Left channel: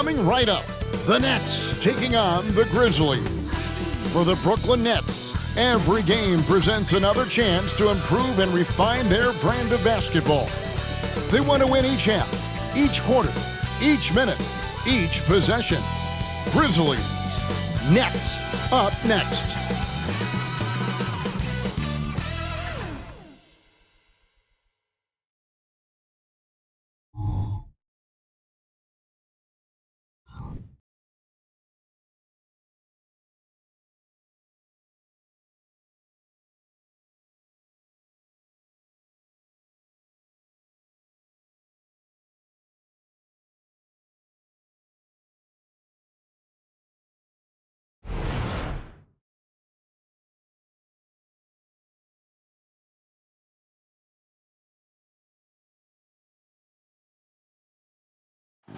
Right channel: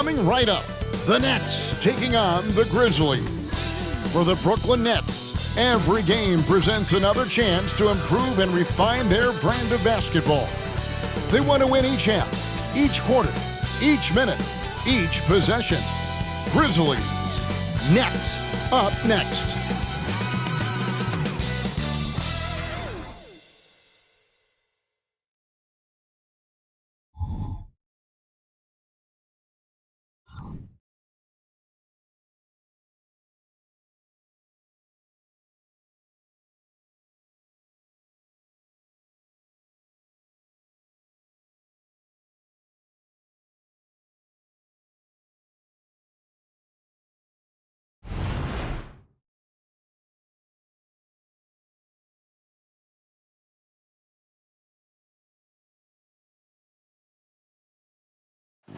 Coming right up, the Nets taking on the Grizzlies. For the Brooklyn Nets, every game presents another chance to improve and refine their brand of basketball. They want to win each half, each quarter, each minute, each possession. Grizzlies, Nets, up next.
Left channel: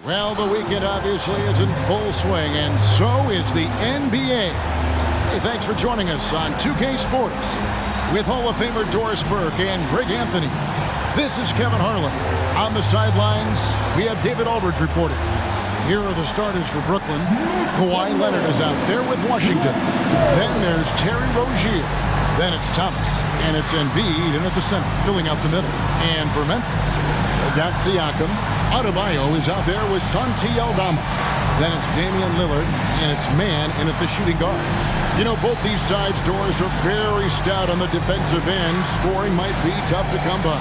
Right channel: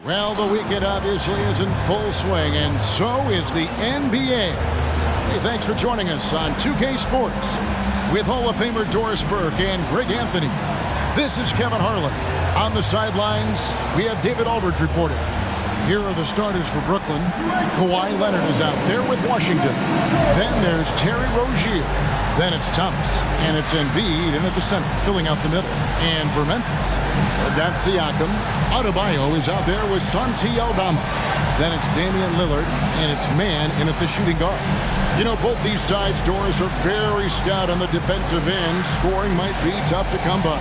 Well, the weekend obviously is in full swing, and so is the NBA. Hey, thanks for joining us on 2K Sports with Hall of Famer Doris Burke and Greg Anthony. This is Kevin Harlan. On the sidelines, we have David Aldridge reporting. Here are the starters for Brooklyn. Kawhi Leonard is out there with Washington. Then there's Terry Rozier. Then it's Thomas, and it's Embid in at the center, filling out the middle. And for Memphis, they've got Siakam. Adebayo is out there with Santi Aldama. Then it's Damien Lillard, and it's Man in at the shooting guard. You know, both these sides, Doris, are very stout on the defensive end. Scoring might be tough to come by.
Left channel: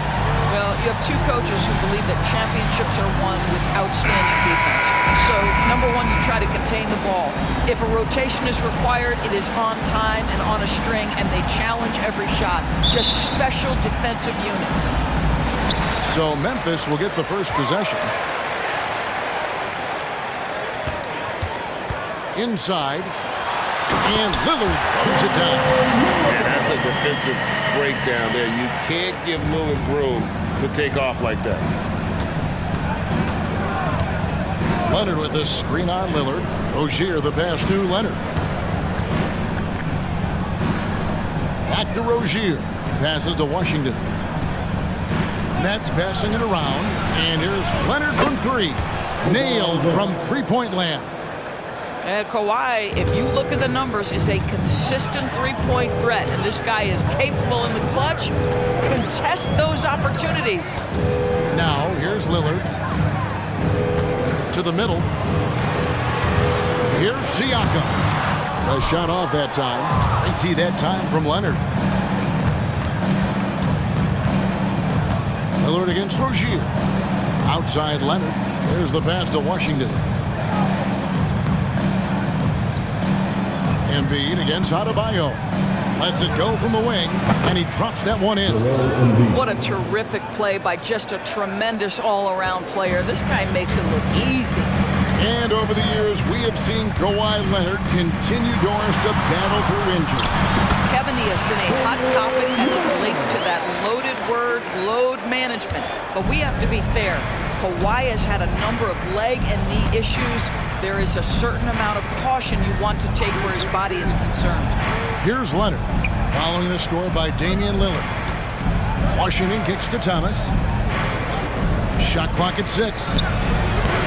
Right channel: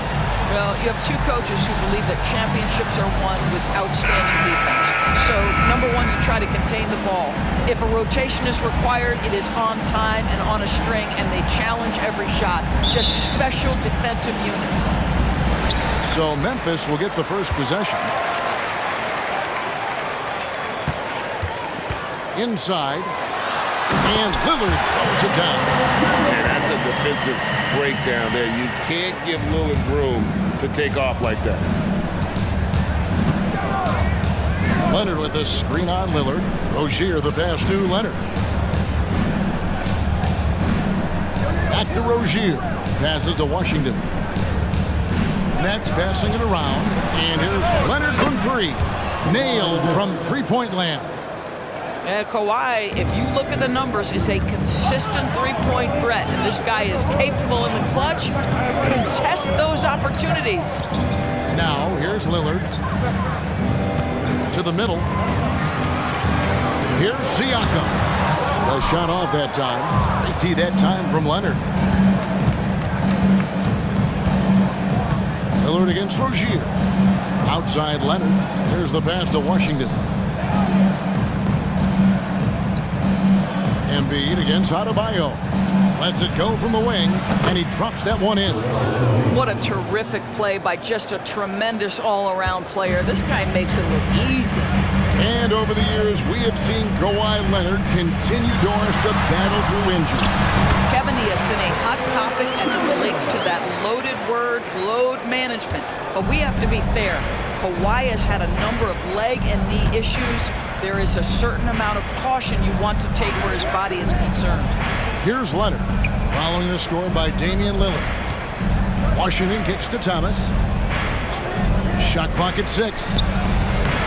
Well, you have two coaches who believe that championships are won with outstanding defense. So, number one, you try to contain the ball. If a rotation is required, it is on time and on a string, and they challenge every shot. Just special defensive units. So Memphis will get the first possession. Inside. And Lillard throws it down. Yeah, that's a defensive breakdown there. You can't give Lillard room to take off like that. Leonard with a screen on Lillard. Rozier the pass to Leonard. Back to Rozier. Passes to Washington. Nets passing it around. And here's Leonard from three. Nailed from three-point land. Kawhi, if you look at the numbers, is a consistent three-point threat. And this guy is capable in the clutch. Contest those opportunities. Now, here's Lillard. To the middle. Here's Siakam. The shot off that time. Great D that time from Leonard. Lillard against Rozier. Outside Leonard. There's the pass to Washington. Embid against Adebayo. Lets it go from the wing, and he drops that one in. What a terrific play by just a tremendous all-around player. This guy makes it look easy. And over the years, we have seen Kawhi Leonard continue, Doris, to battle through injury. Kevin, he has been a hot topic as it relates to that loaded word, load management. But we have to be fair. Kawhi has had a number of leg and knee issues. There is a certain amount of caution you want to take where his body is concerned. Here's Leonard, following the score by Damien Lillard. Washington kicks to Thomas. Shot clock at 6.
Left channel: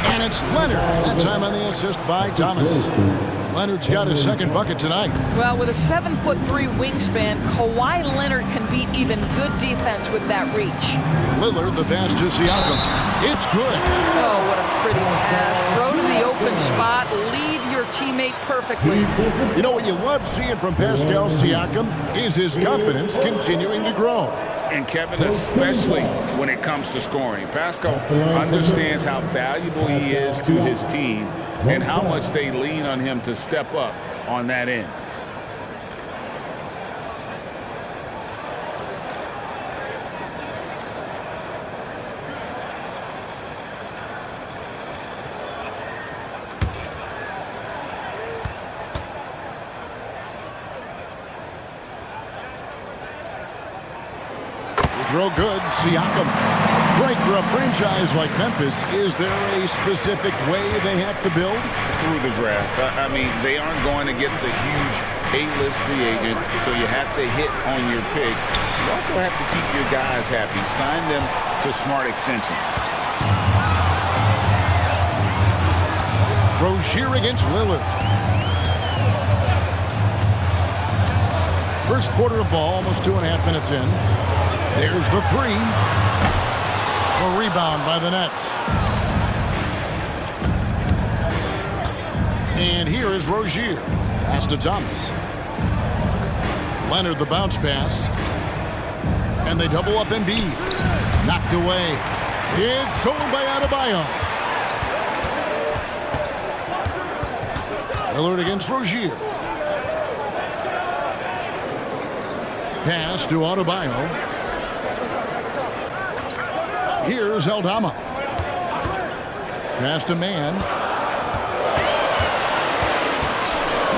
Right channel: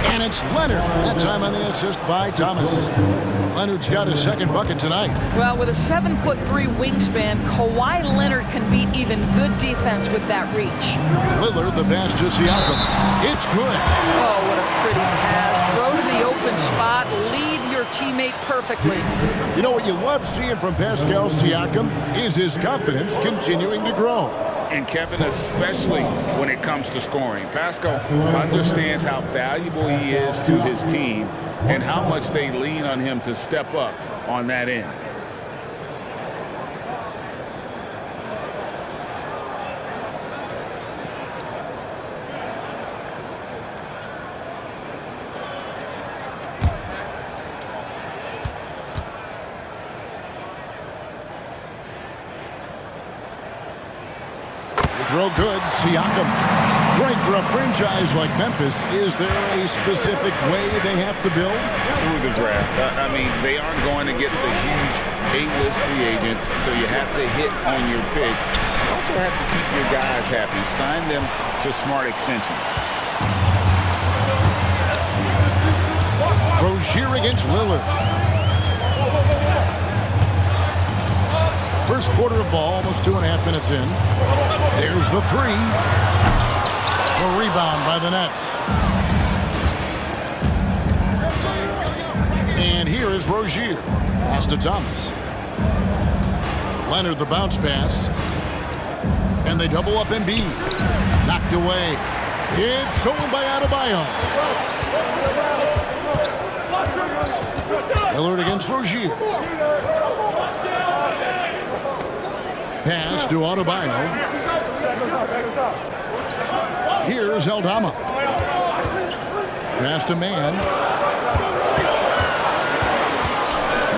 And it's Leonard, that time on the assist by Thomas. Leonard's got his second bucket tonight. Well, with a 7'3" wingspan, Kawhi Leonard can beat even good defense with that reach. Lillard, the pass to Siakam. It's good. Oh, what a pretty pass. Throw to the open spot. Lead your teammate perfectly. You know what you love seeing from Pascal Siakam is his confidence continuing to grow. And Kevin, especially when it comes to scoring. Pascal understands how valuable he is to his team and how much they lean on him to step up on that end. Throw good, Siakam. Great for a franchise like Memphis. Is there a specific way they have to build? Through the draft. I mean, they aren't going to get the huge A-list free agents, so you have to hit on your picks. You also have to keep your guys happy. Sign them to smart extensions. Rozier against Lillard. First quarter of ball, almost 2.5 minutes in. There's the three. The rebound by the Nets. And here is Rozier. Pass to Thomas. Leonard the bounce pass. And they double up Embid. Knocked away. It's stolen by Adebayo. Lillard against Rozier. Pass to Adebayo. Here's Aldama. Pass to Man.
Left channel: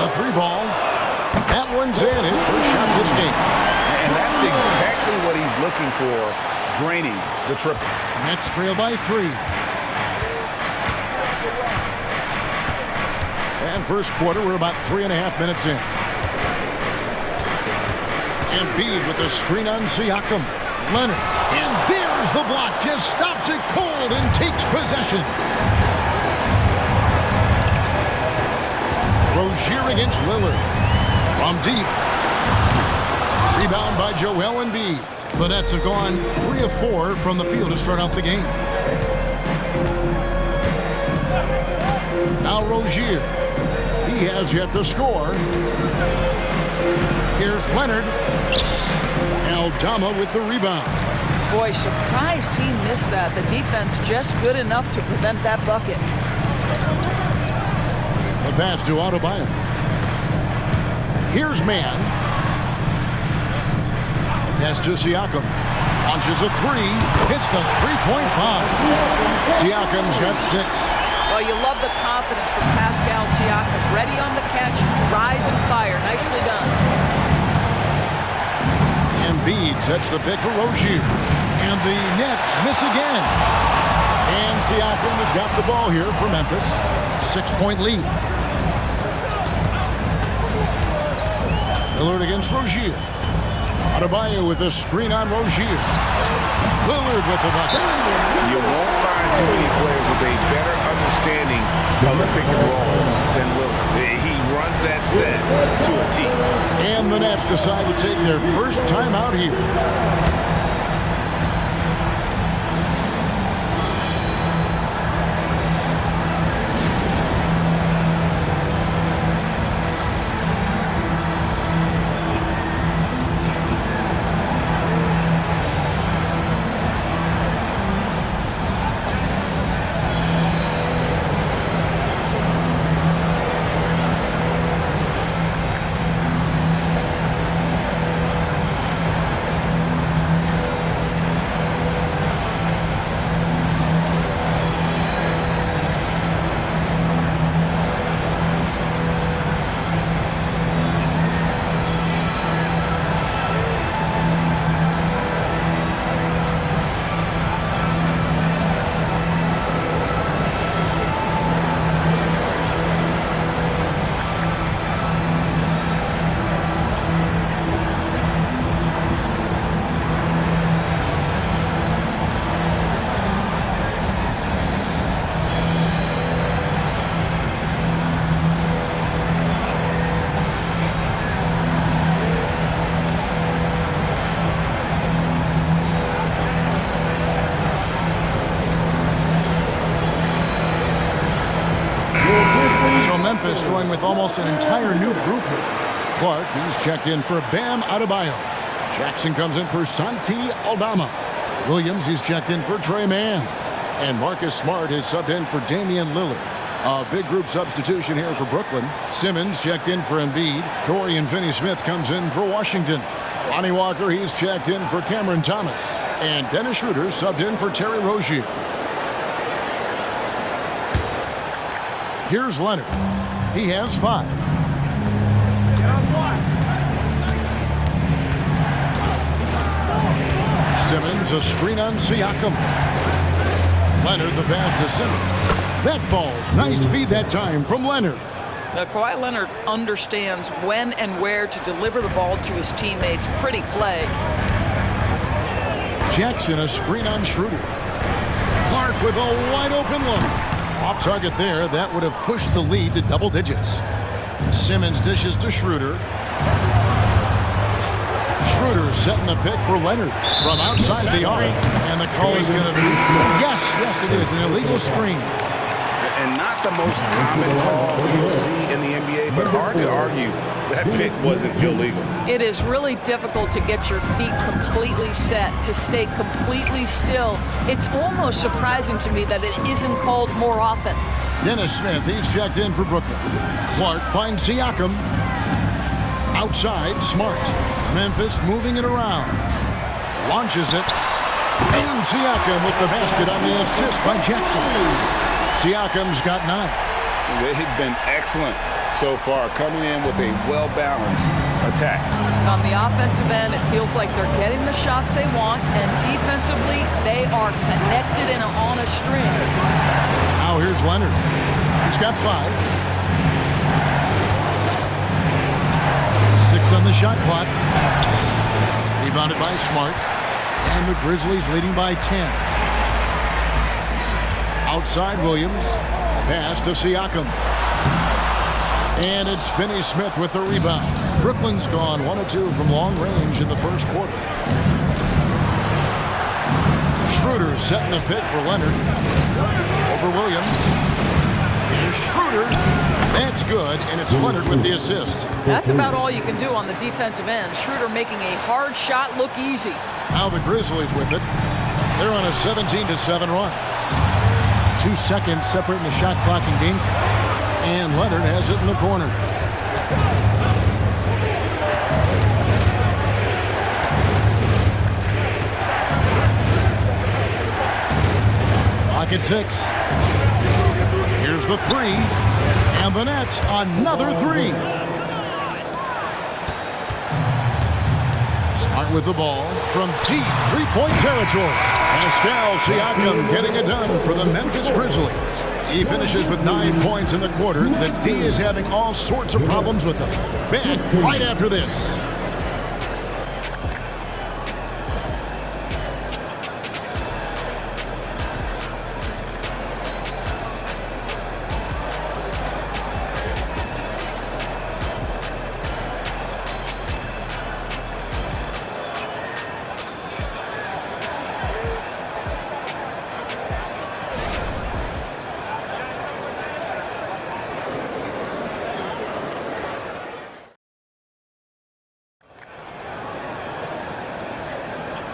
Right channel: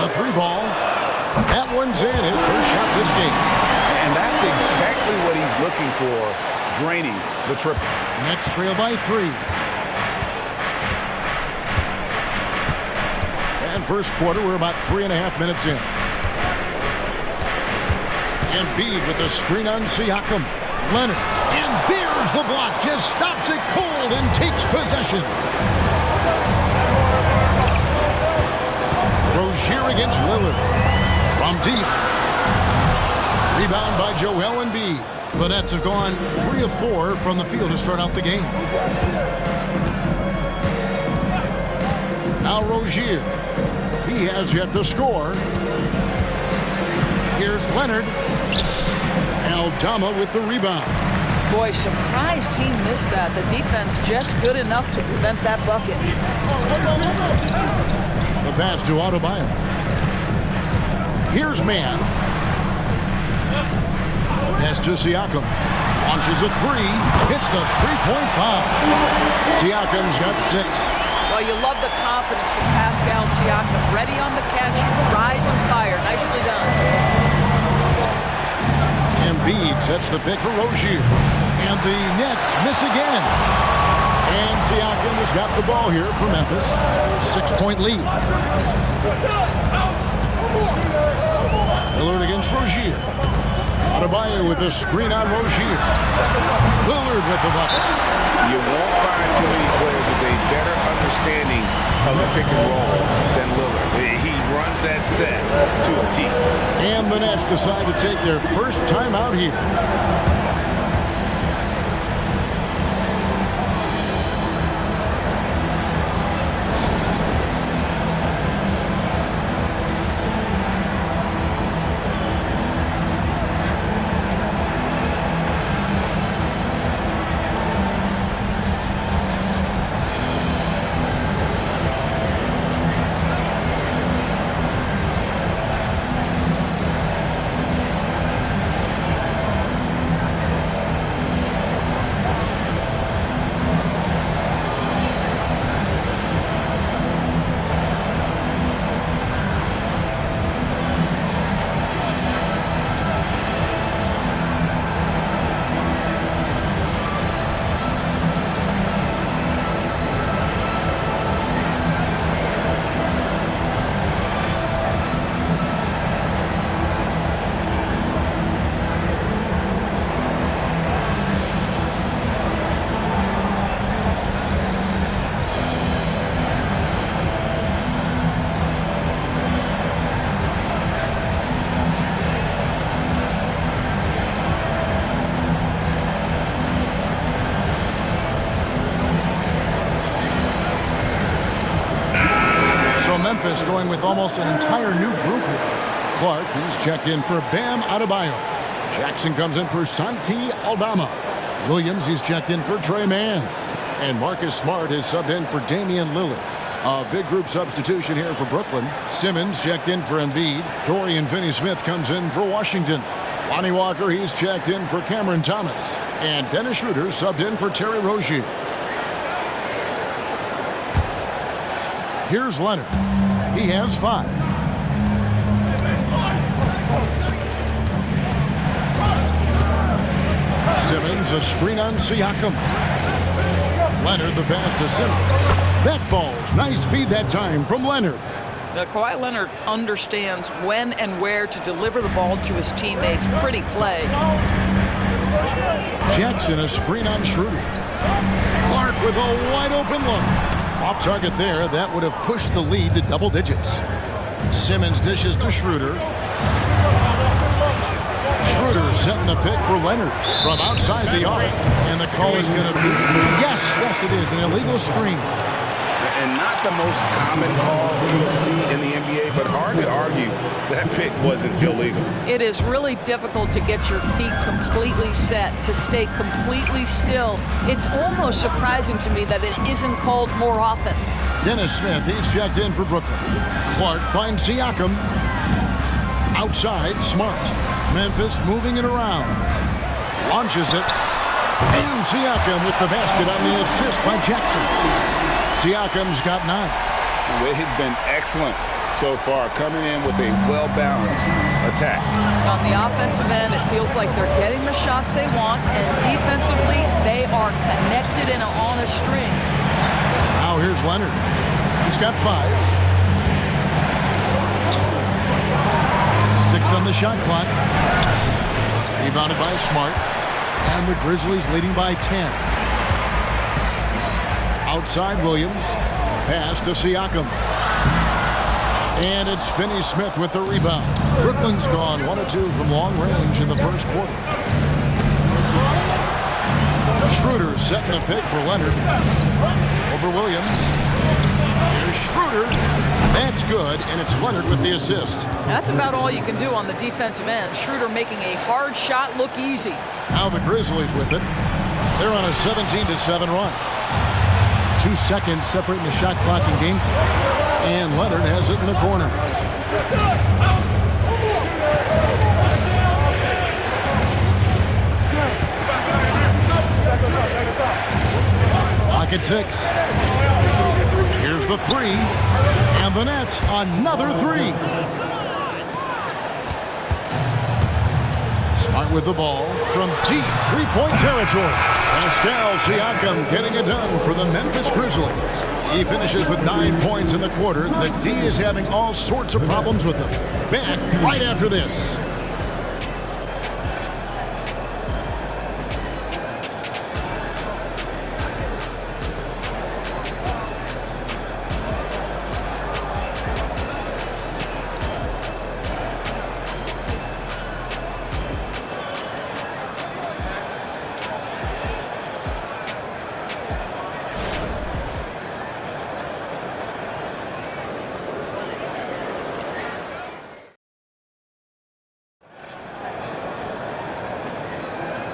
A three ball. That one's in. His first shot this game. And that's exactly what he's looking for, draining the triple. Nets trail by 3. And first quarter, we're about 3.5 minutes in. Embid with the screen on Siakam. Leonard. And there's the block. Just stops it cold and takes possession. Rozier against Lillard. From deep. Rebound by Joel Embid. The Nets have gone 3 of 4 from the field to start out the game. Now Rozier. He has yet to score. Here's Leonard. Aldama with the rebound. Boy, surprised he missed that. The defense just good enough to prevent that bucket. The pass to Adebayo. Here's Man. Pass to Siakam. Launches a three. Hits the three-point bomb. Siakam's got 6. Well, you love the confidence from Pascal Siakam. Ready on the catch, rise and fire. Nicely done. Embid sets the pick for Rozier. And the Nets miss again. And Siakam has got the ball here for Memphis. 6-point lead. Lillard against Rozier. Adebayo with the screen on Rozier. Lillard with the bucket. You won't find too many players with a better understanding of the pick and roll than Lillard. He runs that set to a T. And the Nets decide to take their first time out here. So Memphis going with almost an entire new group here. Clark, he's checked in for Bam Adebayo. Jackson comes in for Santi Aldama. Williams, he's checked in for Trey Mann. And Marcus Smart is subbed in for Damian Lillard. A big group substitution here for Brooklyn. Simmons checked in for Embid. Dorian Finney-Smith comes in for Washington. Lonnie Walker, he's checked in for Cameron Thomas. And Dennis Schroeder subbed in for Terry Rozier. Here's Leonard. He has 5. Simmons, a screen on Siakam. Leonard, the pass to Simmons. That falls. Nice feed that time from Leonard. Now, Kawhi Leonard understands when and where to deliver the ball to his teammates. Pretty play. Jackson, a screen on Schroeder. Clark with a wide open look. Off target there. That would have pushed the lead to double digits. Simmons dishes to Schroeder. Schroeder setting the pick for Leonard from outside the arc. And the call is going to be, yes, it is, an illegal screen. And not the most common call you'll see in the NBA, but hard to argue that pick wasn't illegal. It is really difficult to get your feet completely set, to stay completely still. It's almost surprising to me that it isn't called more often. Dennis Smith, he's checked in for Brooklyn. Clark finds Siakam. Outside, Smart. Memphis moving it around. Launches it. And Siakam with the basket on the assist by Jackson. Siakam's got 9. They've been excellent so far, coming in with a well-balanced attack. On the offensive end, it feels like they're getting the shots they want, and defensively, they are connected and on a string. Now here's Leonard. He's got 5. 6 on the shot clock. Rebounded by Smart. And the Grizzlies leading by 10. Outside Williams. Pass to Siakam. And it's Finney-Smith with the rebound. Brooklyn's gone 1 of 2 from long range in the first quarter. Schroeder setting the pick for Leonard. Over Williams. Here's Schroeder. That's good, and it's Leonard with the assist. That's about all you can do on the defensive end. Schroeder making a hard shot look easy. Now the Grizzlies with it. They're on a 17-7 run. 2 seconds separating the shot clock and game clock. And Leonard has it in the corner. Clock at 6. Here's the 3. And the net, another 3. Smart with the ball from deep three-point territory. Pascal Siakam getting it done for the Memphis Grizzlies. He finishes with 9 points in the quarter. The D is having all sorts of problems with him. Back right after this.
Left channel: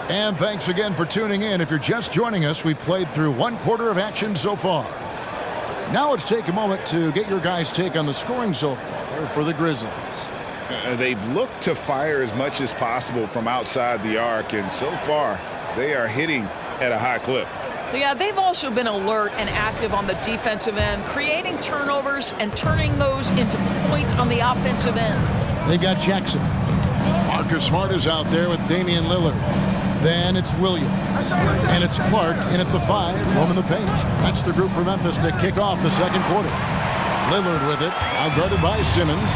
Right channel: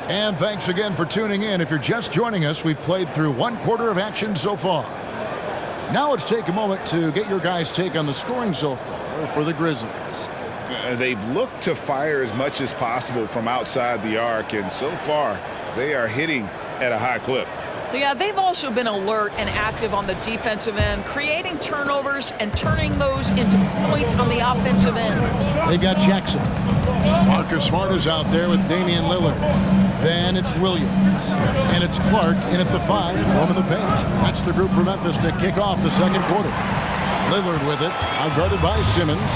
And thanks again for tuning in. If you're just joining us, we've played through 1 quarter of action so far. Now let's take a moment to get your guys' take on the scoring so far for the Grizzlies. They've looked to fire as much as possible from outside the arc, and so far they are hitting at a high clip. Yeah, they've also been alert and active on the defensive end, creating turnovers and turning those into points on the offensive end. They've got Jackson. Marcus Smart is out there with Damian Lillard. Then it's Williams. And it's Clark in at the 5, roaming the paint. That's the group for Memphis to kick off the second quarter. Lillard with it, outguarded by Simmons.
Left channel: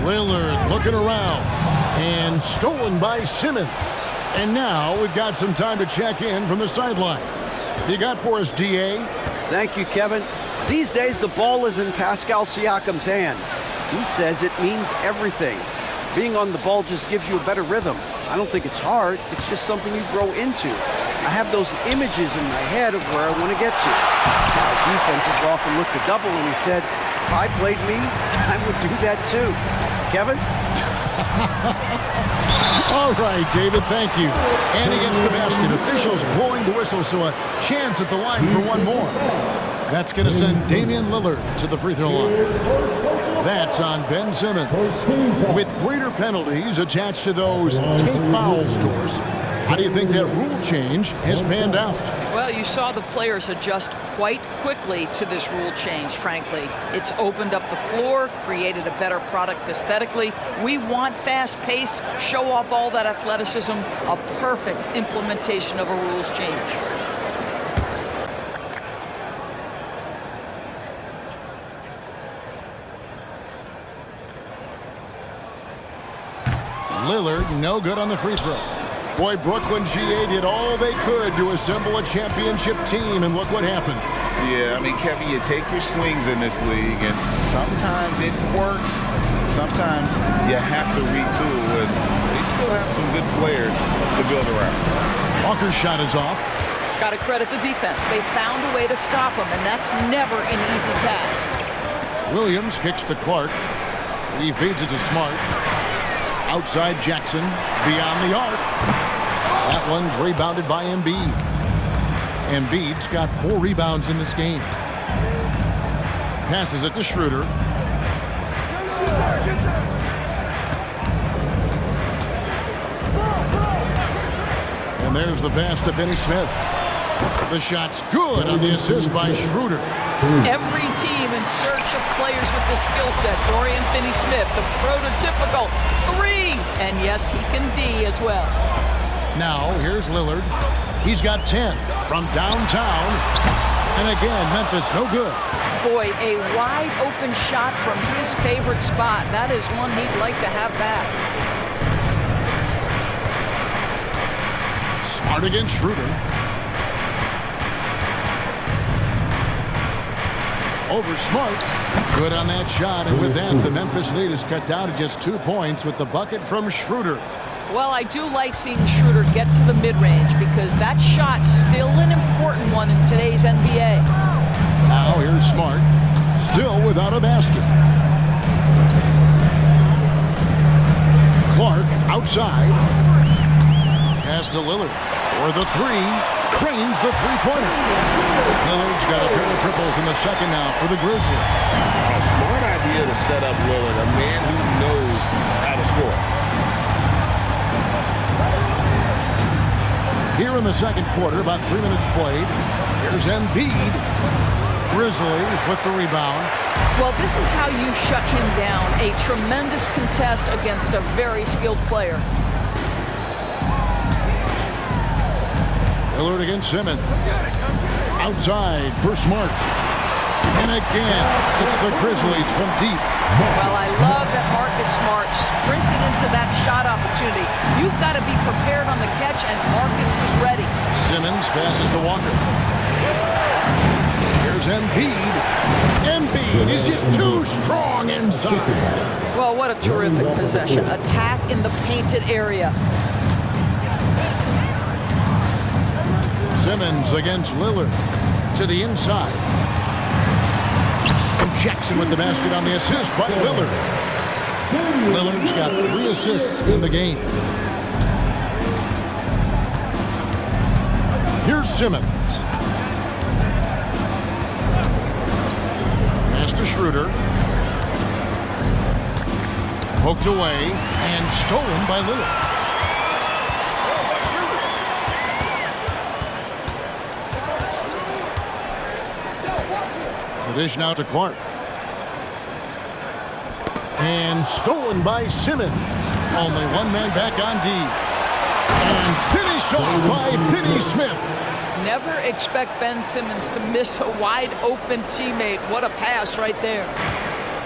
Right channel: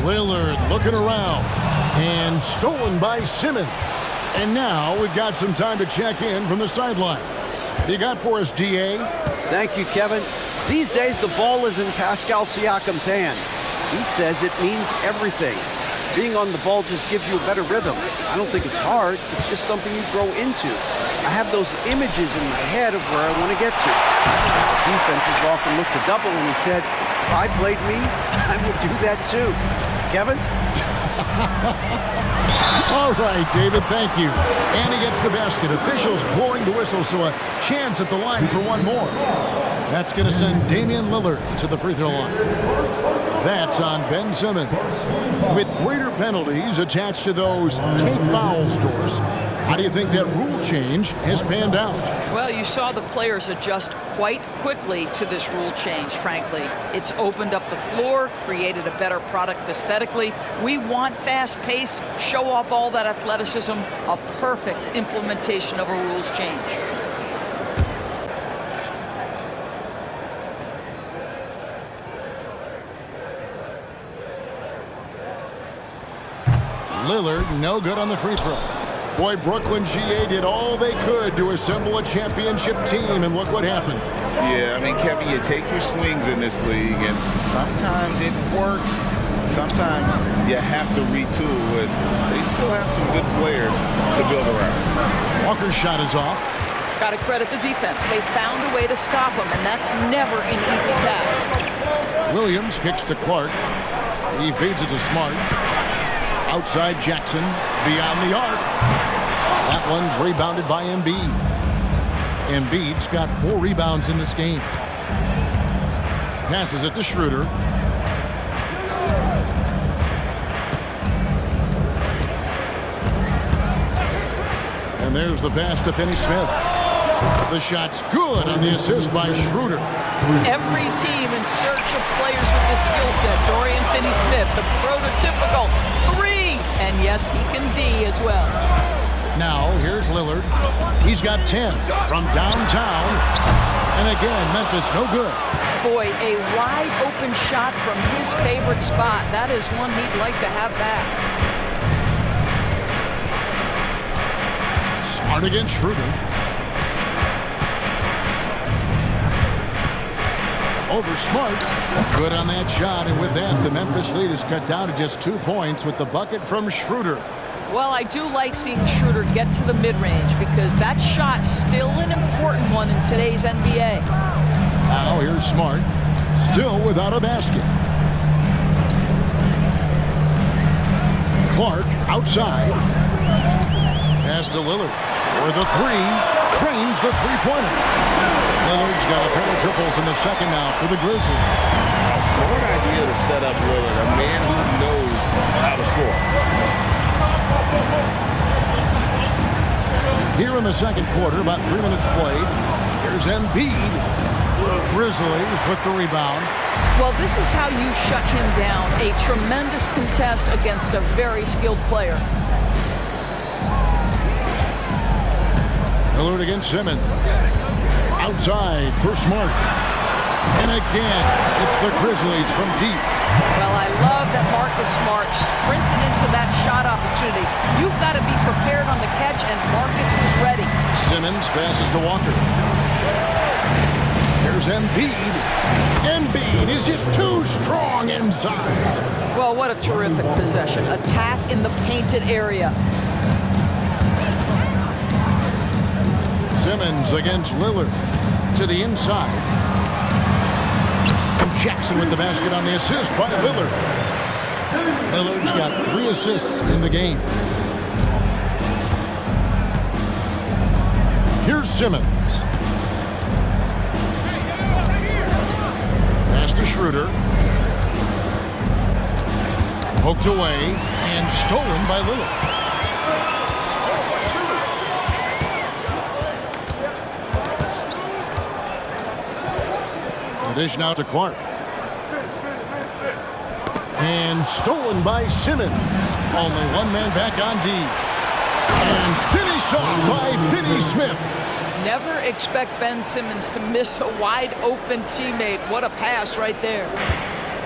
Lillard looking around. And stolen by Simmons. And now we've got some time to check in from the sidelines. What you got for us, D.A.? Thank you, Kevin. These days, the ball is in Pascal Siakam's hands. He says it means everything. Being on the ball just gives you a better rhythm. I don't think it's hard. It's just something you grow into. I have those images in my head of where I want to get to. Now, defenses often look to double, and he said, if I played me, I would do that too. Kevin? All right, David, thank you. And he gets the basket. Officials blowing the whistle, so a chance at the line for one more. That's going to send Damian Lillard to the free throw line. That's on Ben Simmons. With greater penalties attached to those take fouls, Doris, how do you think that rule change has panned out? Well, you saw the players adjust quite quickly to this rule change, frankly. It's opened up the floor, created a better product aesthetically. We want fast pace, show off all that athleticism, a perfect implementation of a rules change. Lillard, no good on the free throw. Boy, Brooklyn GA did all they could to assemble a championship team, and look what happened. Yeah, I mean, Kevin, you take your swings in this league, and sometimes it works. Sometimes you have to retool, and they still have some good players to build around. Walker's shot is off. Got to credit the defense. They found a way to stop him, and that's never an easy task. Williams kicks to Clark. He feeds it to Smart. Outside Jackson, beyond the arc. That one's rebounded by Embid. Embiid's got 4 rebounds in this game. Passes it to Schroeder. And there's the pass to Finney-Smith. The shot's good on the assist by Schroeder. Every team in search of players with this skill set. Dorian Finney-Smith, the prototypical 3. And yes, he can D as well. Now, here's Lillard. He's got 10 from downtown. And again, Memphis no good. Boy, a wide open shot from his favorite spot. That is one he'd like to have back. Smart against Schroeder. Over Smart. Good on that shot, and with that, the Memphis lead is cut down to just 2 points with the bucket from Schroeder. Well, I do like seeing Schroeder get to the mid-range because that shot's still an important one in today's NBA. Now here's Smart, still without a basket. Clark outside. Pass to Lillard for the 3. Cranes the three-pointer. Lillard's got a pair of triples in the second now for the Grizzlies. A smart idea to set up Lillard, a man who knows how to score. Here in the second quarter, about 3 minutes played. Here's Embid. Grizzlies with the rebound. Well, this is how you shut him down. A tremendous contest against a very skilled player. Lillard against Simmons. Outside for Smart. And again, it's the Grizzlies from deep. Well, I love that Marcus Smart sprinted into that shot opportunity. You've got to be prepared on the catch, and Marcus was ready. Simmons passes to Walker. Here's Embid. Embid is just too strong inside. Well, what a terrific possession. Attack in the painted area. Simmons against Lillard. To the inside. And Jackson with the basket on the assist by Lillard. Lillard's got 3 assists in the game. Here's Simmons. Pass to Schroeder. Poked away and stolen by Lillard. The dish now to Clark. And stolen by Simmons. Only one man back on D. And finished off by Finney-Smith. Never expect Ben Simmons to miss a wide-open teammate. What a pass right there.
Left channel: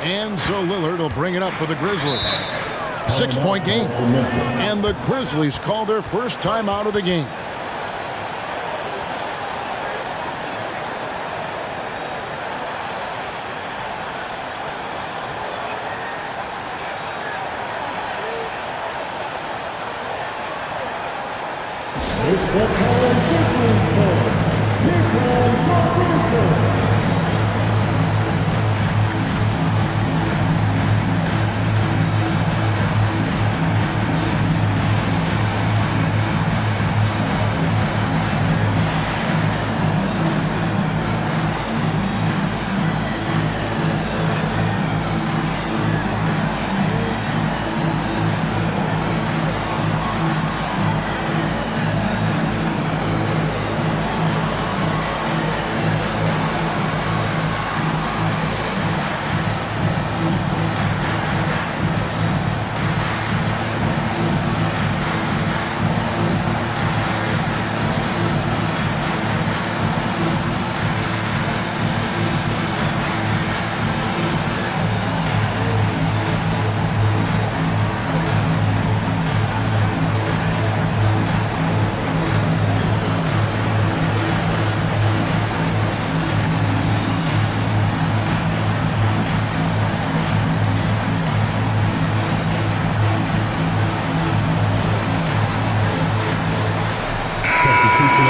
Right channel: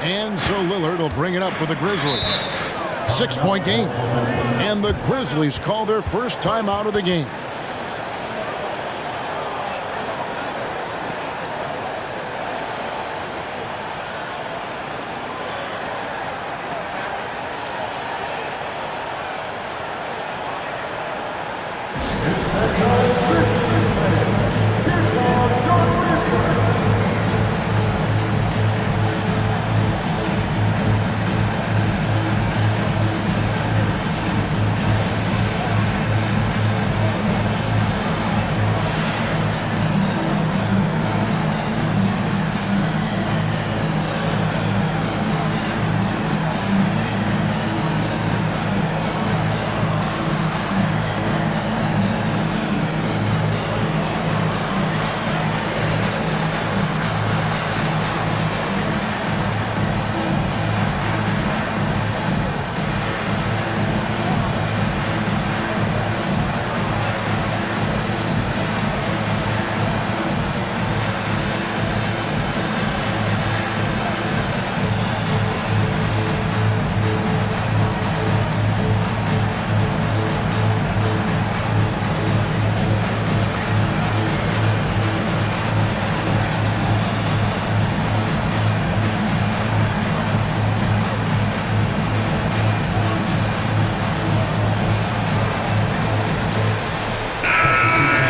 And so Lillard will bring it up for the Grizzlies. 6-point game. And the Grizzlies call their first time out of the game.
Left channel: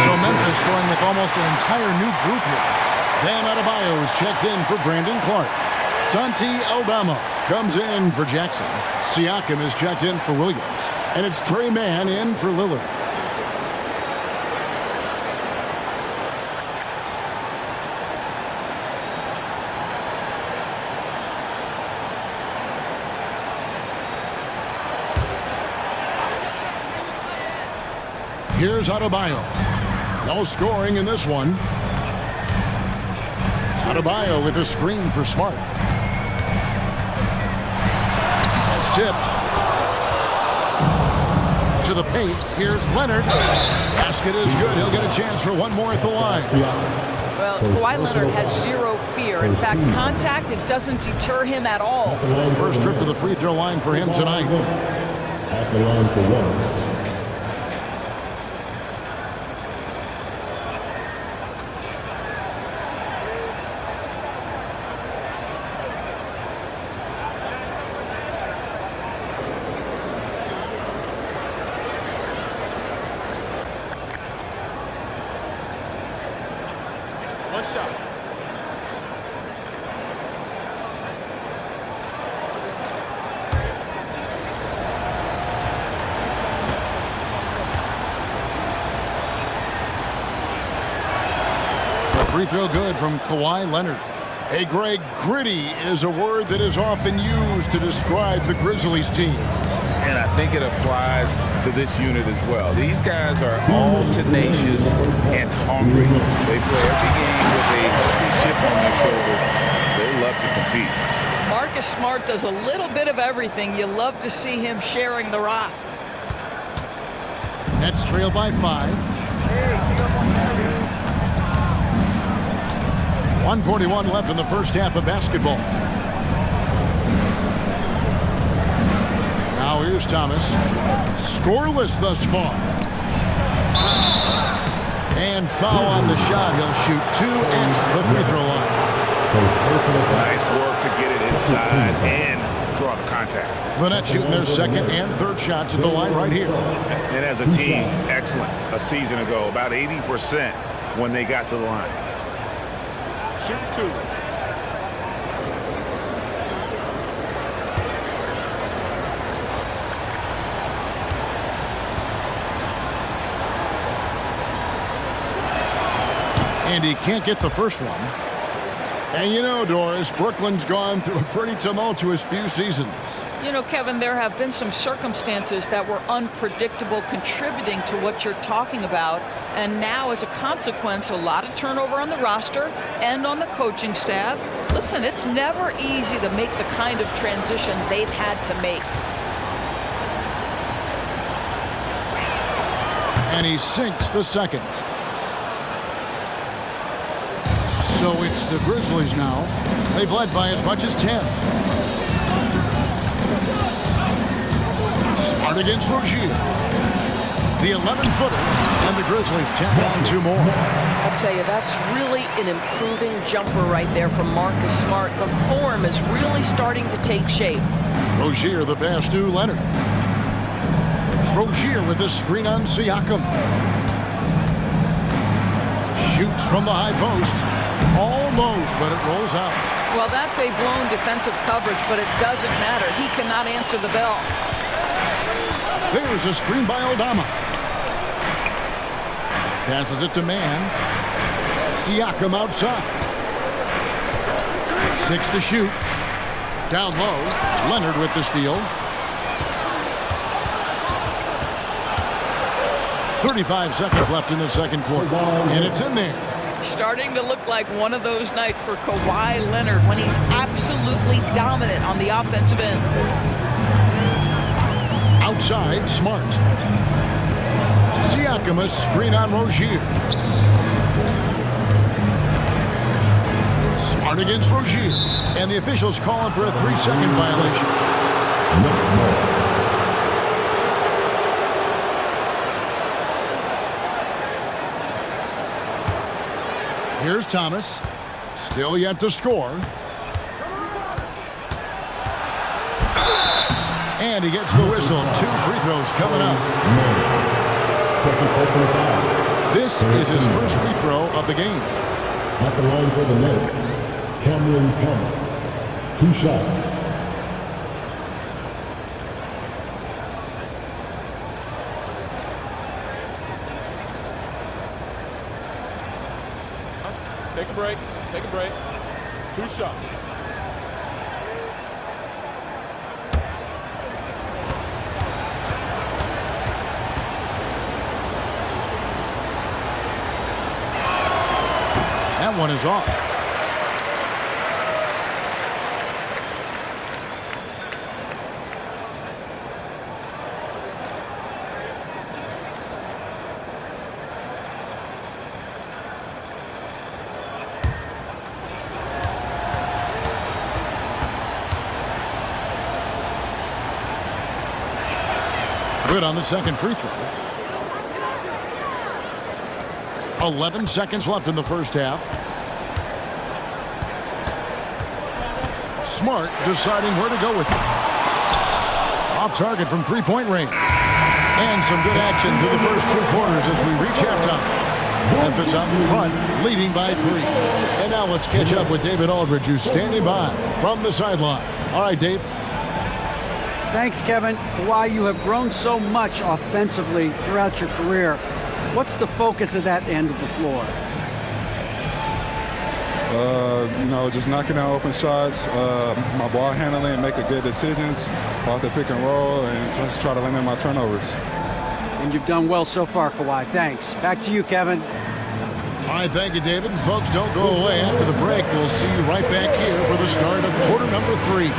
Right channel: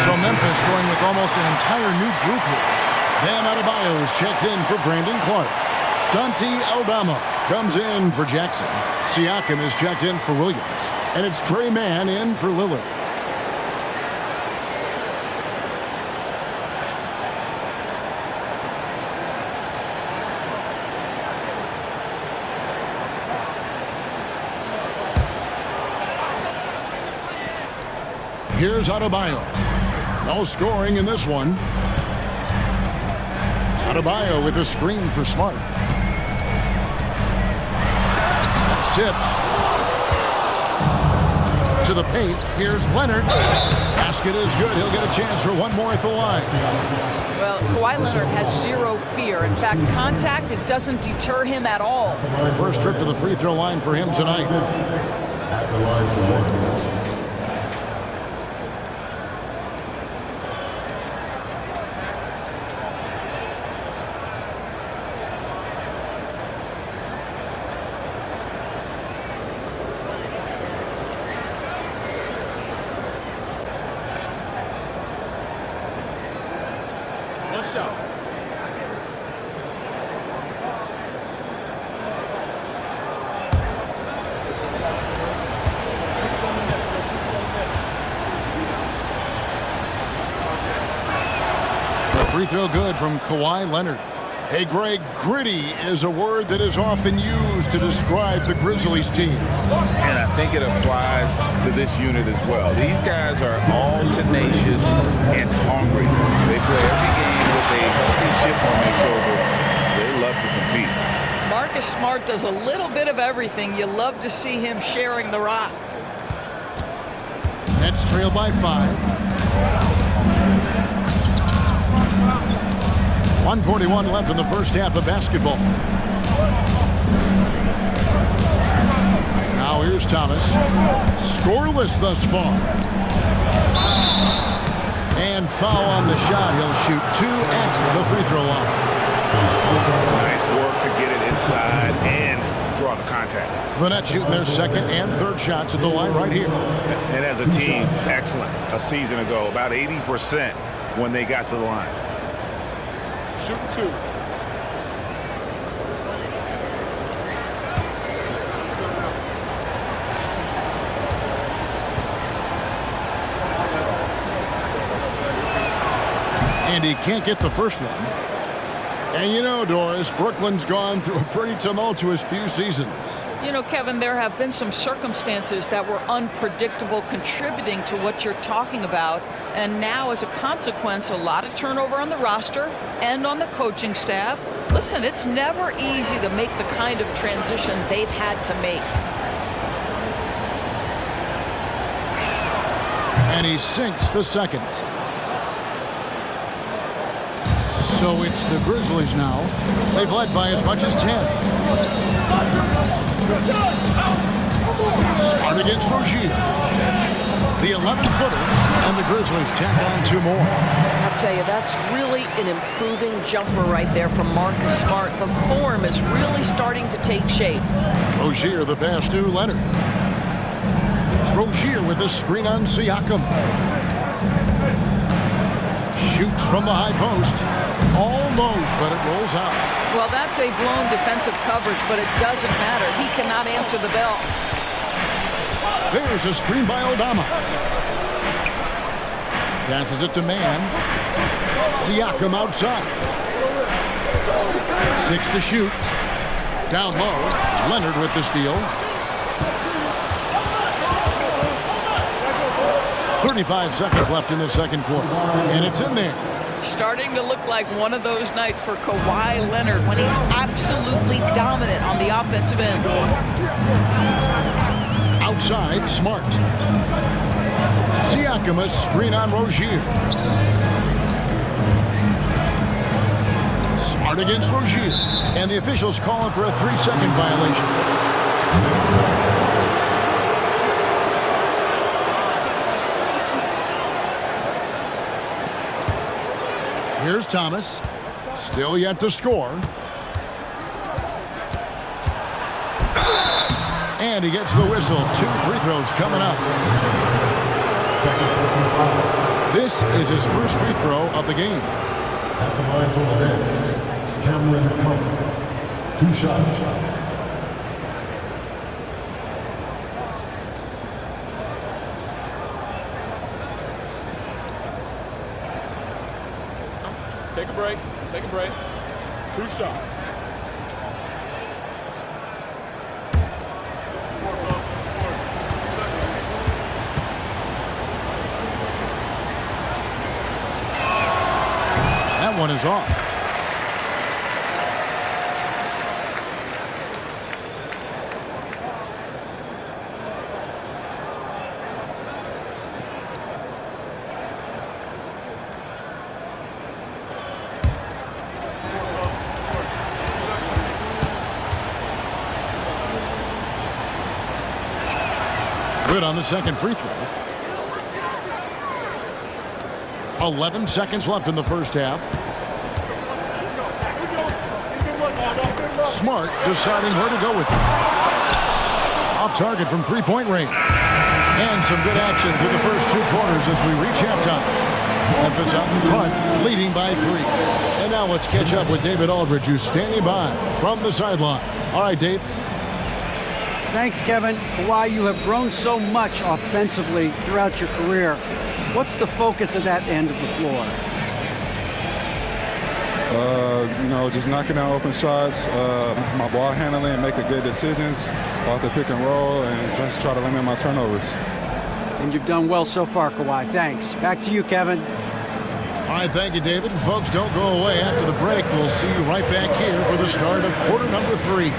So Memphis going with almost an entire new group here. Bam Adebayo is checked in for Brandon Clark. Santi Aldama comes in for Jackson. Siakam is checked in for Williams. And it's Trey Mann in for Lillard. Here's Adebayo. No scoring in this one. Adebayo with a screen for Smart. That's tipped. To the paint. Here's Leonard. Basket is good. He'll get a chance for one more at the line. Well, Kawhi Leonard has zero fear. In fact, contact, it doesn't deter him at all. First trip to the free throw line for him tonight. At the line for one. One shot. The free throw good from Kawhi Leonard. Hey, Greg, gritty is a word that is often used to describe the Grizzlies team. And I think it applies to this unit as well. These guys are all tenacious and hungry. They play every game with a healthy chip on their shoulder. They love to compete. Marcus Smart does a little bit of everything. You love to see him sharing the rock. Nets trail by 5. 1:41 left in the first half of basketball. Now here's Thomas. Scoreless thus far. And foul on the shot. He'll shoot 2 at the free throw line. Nice work to get it inside and draw the contact. The Nets shooting their second and third shots at the line right here. And as a team, excellent. A season ago, about 80% when they got to the line. Shoot 2. And he can't get the first one. And you know, Doris, Brooklyn's gone through a pretty tumultuous few seasons. You know, Kevin, there have been some circumstances that were unpredictable contributing to what you're talking about. And now, as a consequence, a lot of turnover on the roster and on the coaching staff. Listen, it's never easy to make the kind of transition they've had to make. And he sinks the second. So it's the Grizzlies now. They've led by as much as 10. Smart against Rozier. The 11-footer, and the Grizzlies tack on 2 more. I'll tell you, that's really an improving jumper right there from Marcus Smart. The form is really starting to take shape. Rozier the pass to Leonard. Rozier with a screen on Siakam. Shoots from the high post. Almost, but it rolls out. Well, that's a blown defensive coverage, but it doesn't matter. He cannot answer the bell. There's a screen by Aldama. Passes it to Mann. Siakam outside. 6 to shoot. Down low. Leonard with the steal. 35 seconds left in the second quarter. And it's in there. Starting to look like one of those nights for Kawhi Leonard when he's absolutely dominant on the offensive end. Outside, Smart. Siakam a screen on Rozier. Smart against Rozier. And the officials calling for a 3-second violation. Here's Thomas. Still yet to score. And he gets the whistle. 2 free throws coming up. Second personal foul. This is his first free throw of the game. At the line for the Nets, Cameron Thomas. 2 shots. Take a break. Take a break. 2 shots. That one is off. Good on the second free throw. 11 seconds left in the first half. Smart deciding where to go with it. Off target from three-point range. And some good action through the first 2 quarters as we reach halftime. Memphis out in front, leading by 3. And now let's catch up with David Aldridge, who's standing by from the sideline. All right, Dave. Thanks, Kevin. Kawhi, you have grown so much offensively throughout your career. What's the focus of that end of the floor? Just knocking down open shots, my ball handling, making good decisions off the pick and roll, and just try to limit my turnovers. And you've done well so far, Kawhi. Thanks. Back to you, Kevin. All right, thank you, David. Folks, don't go away. After the break, we'll see you right back here for the start of quarter number 3.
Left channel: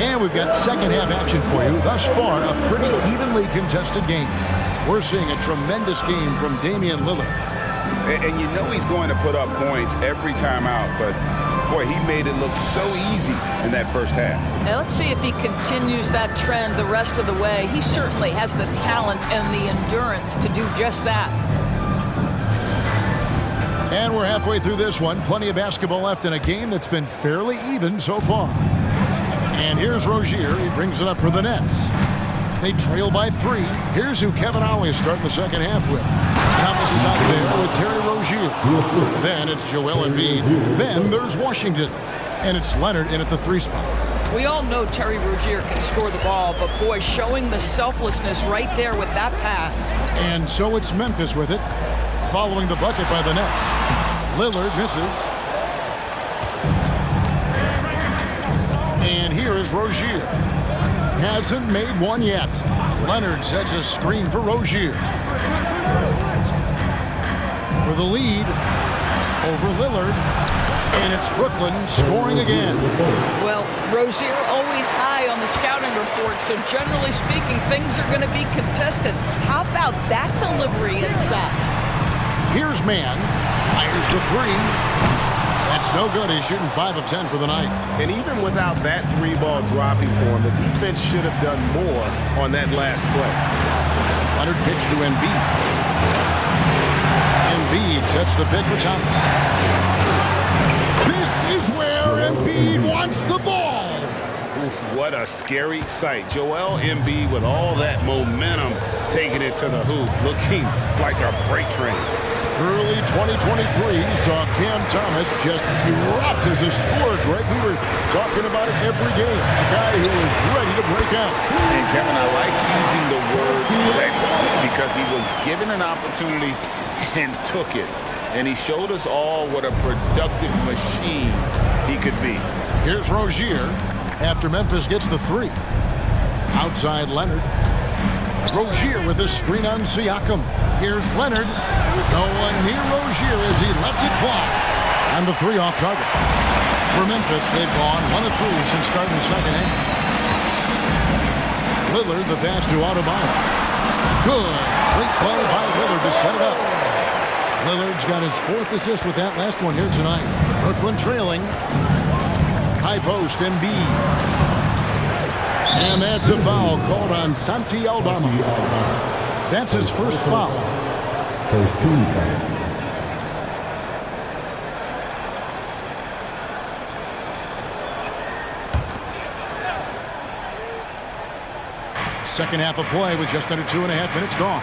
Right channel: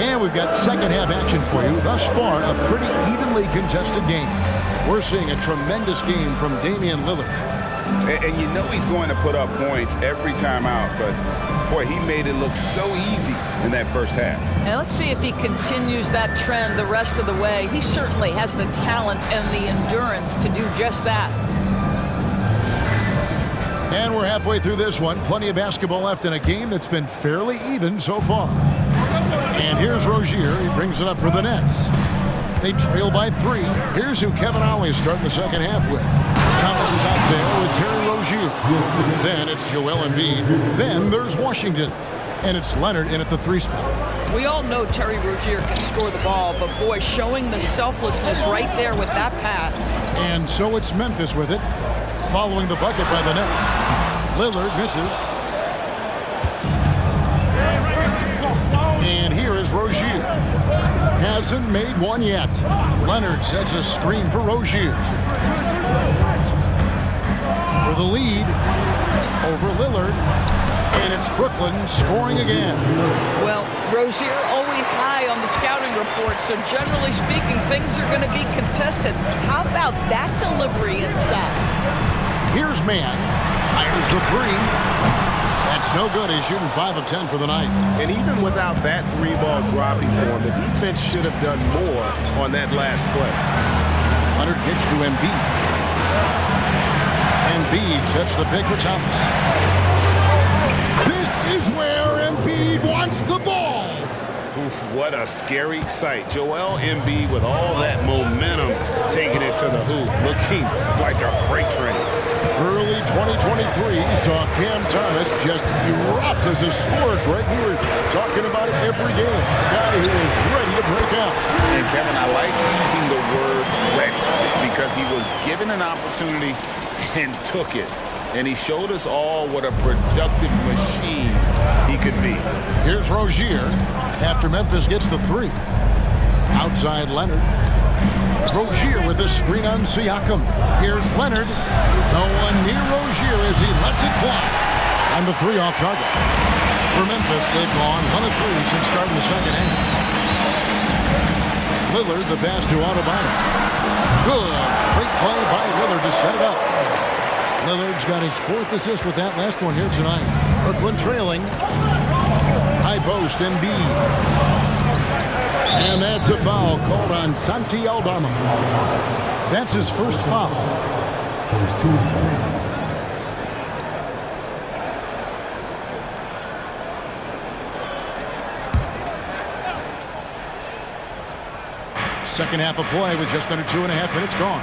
And we've got second half action for you. Thus far, a pretty evenly contested game. We're seeing a tremendous game from Damien Lillard. And you know he's going to put up points every time out, but boy, he made it look so easy in that first half. And let's see if he continues that trend the rest of the way. He certainly has the talent and the endurance to do just that. And we're halfway through this one. Plenty of basketball left in a game that's been fairly even so far. And here's Rozier. He brings it up for the Nets. They trail by 3. Here's who Kevin Ollie is starting the second half with. Thomas is out there with Terry Rozier. Then it's Joel Embid. Then there's Washington. And it's Leonard in at the 3 spot. We all know Terry Rozier can score the ball, but boy, showing the selflessness right there with that pass. And so it's Memphis with it, following the bucket by the Nets. Lillard misses. Here's Rozier. Hasn't made one yet. Leonard sets a screen for Rozier. For the lead over Lillard. And it's Brooklyn scoring again. Well, Rozier always high on the scouting report, so generally speaking, things are going to be contested. How about that delivery inside? Here's Mann. Fires the three. That's no good. He's shooting 5 of 10 for the night. And even without that 3-ball dropping for him, the defense should have done more on that last play. Leonard kicks to Embid. Embid sets the pick for Thomas. This is where Embid wants the ball. Oof, what a scary sight. Joel Embid with all that momentum taking it to the hoop, looking like a freight train. Early 2023 saw Cam Thomas just erupt as a scorer, Greg. We were talking about it every game. A guy who was ready to break out. And Kevin, I like using the word ready because he was given an opportunity and took it. And he showed us all what a productive machine he could be. Here's Rozier after Memphis gets the three. Outside Leonard. Rozier with a screen on Siakam. Here's Leonard. No one near Rozier as he lets it fly. And the three off target. For Memphis, they've gone 1 of 3 since starting the second half. Lillard, the pass to Adebayo. Good. Great play by Lillard to set it up. Lillard's got his 4th assist with that last one here tonight. Brooklyn trailing. High post, Embiid. And that's a foul called on Santi Aldama. That's his first foul. First team foul. Second half of play with just under 2.5 minutes gone.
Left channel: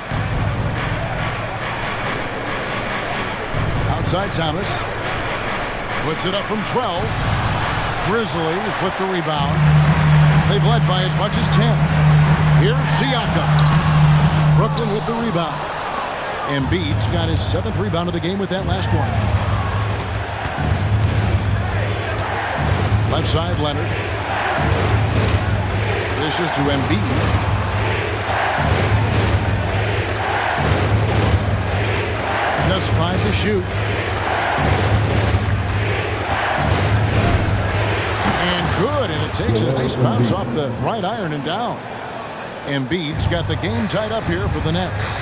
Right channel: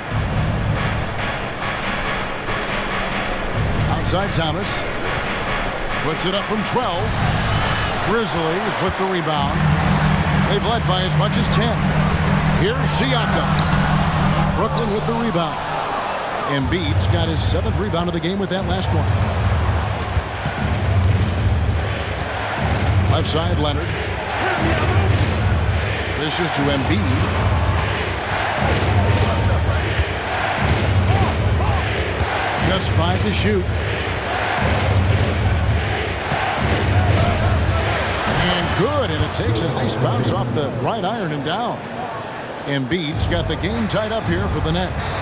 Outside Thomas. Puts it up from 12. Grizzlies with the rebound. They've led by as much as 10. Here's Siakam. Brooklyn with the rebound. Embiid's got his 7th rebound of the game with that last one. Left side, Leonard. This is to Embiid. Just 5 to shoot. And good, and it takes a nice bounce off the right iron and down. Embiid's got the game tied up here for the Nets.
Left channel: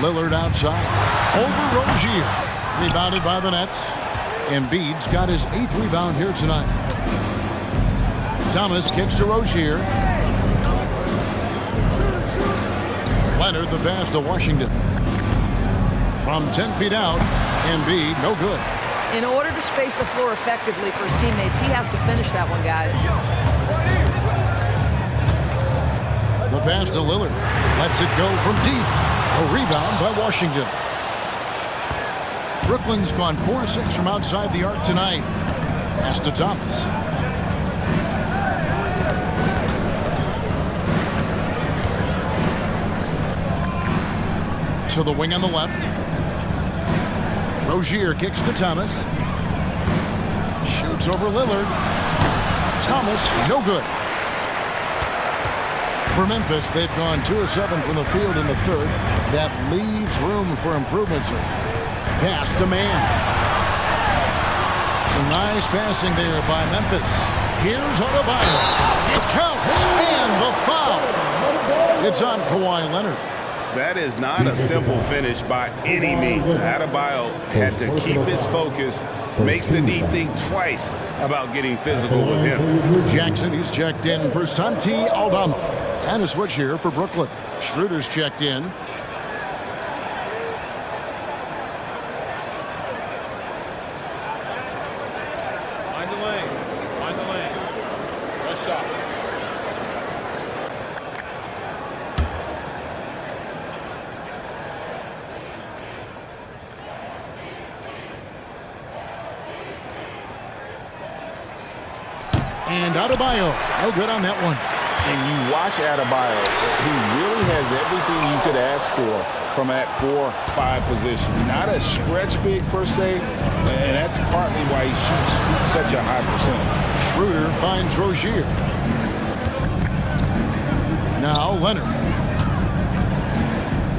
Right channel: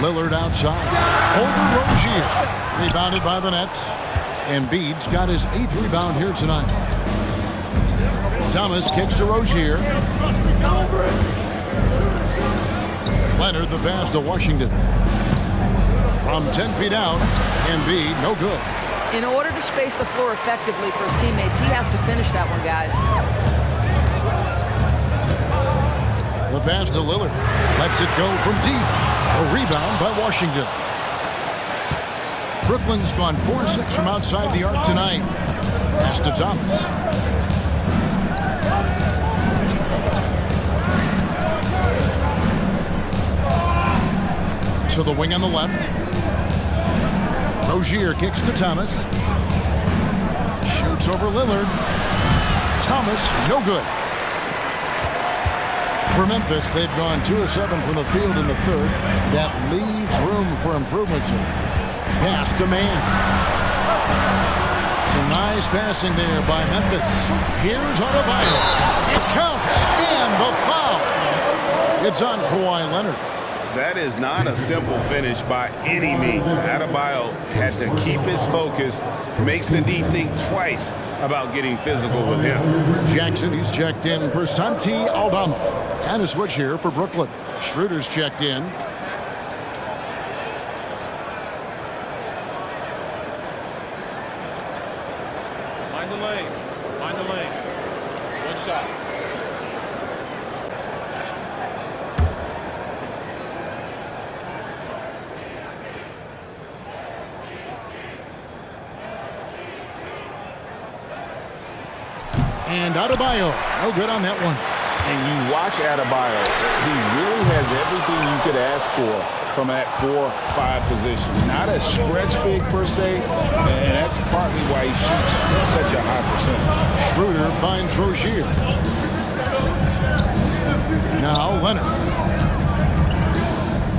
Lillard outside. Over Rozier. Rebounded by the Nets. Embiid's got his 8th rebound here tonight. Thomas kicks to Rozier. Leonard the pass to Washington. From 10 feet out, Embiid no good. In order to space the floor effectively for his teammates, he has to finish that one, guys. The pass to Lillard. Lets it go from deep. A rebound by Washington. Brooklyn's gone 4-6 from outside the arc tonight. Pass to Thomas. To the wing on the left. Rozier kicks to Thomas. Shoots over Lillard. Thomas, no good. For Memphis, they've gone 2 of 7 from the field in the third. That leaves room for improvement, sir. Pass to Mann. Some nice passing there by Memphis. Here's Adebayo. It counts, and the foul. It's on Kawhi Leonard. That is not a simple finish by any means. Adebayo had to keep his focus, makes the D think twice about getting physical with him. Jackson, he's checked in for Santi Aldama. And a switch here for Brooklyn. Schroeder's checked in. Mind the lanes. Mind the lanes. One shot. And Adebayo, no good on that one. And you watch Adebayo, he really has everything you could ask for from that 4-5 position. Not a stretch big per se, and that's partly why he shoots such a high percentage. Schroeder finds Rozier. Now Leonard.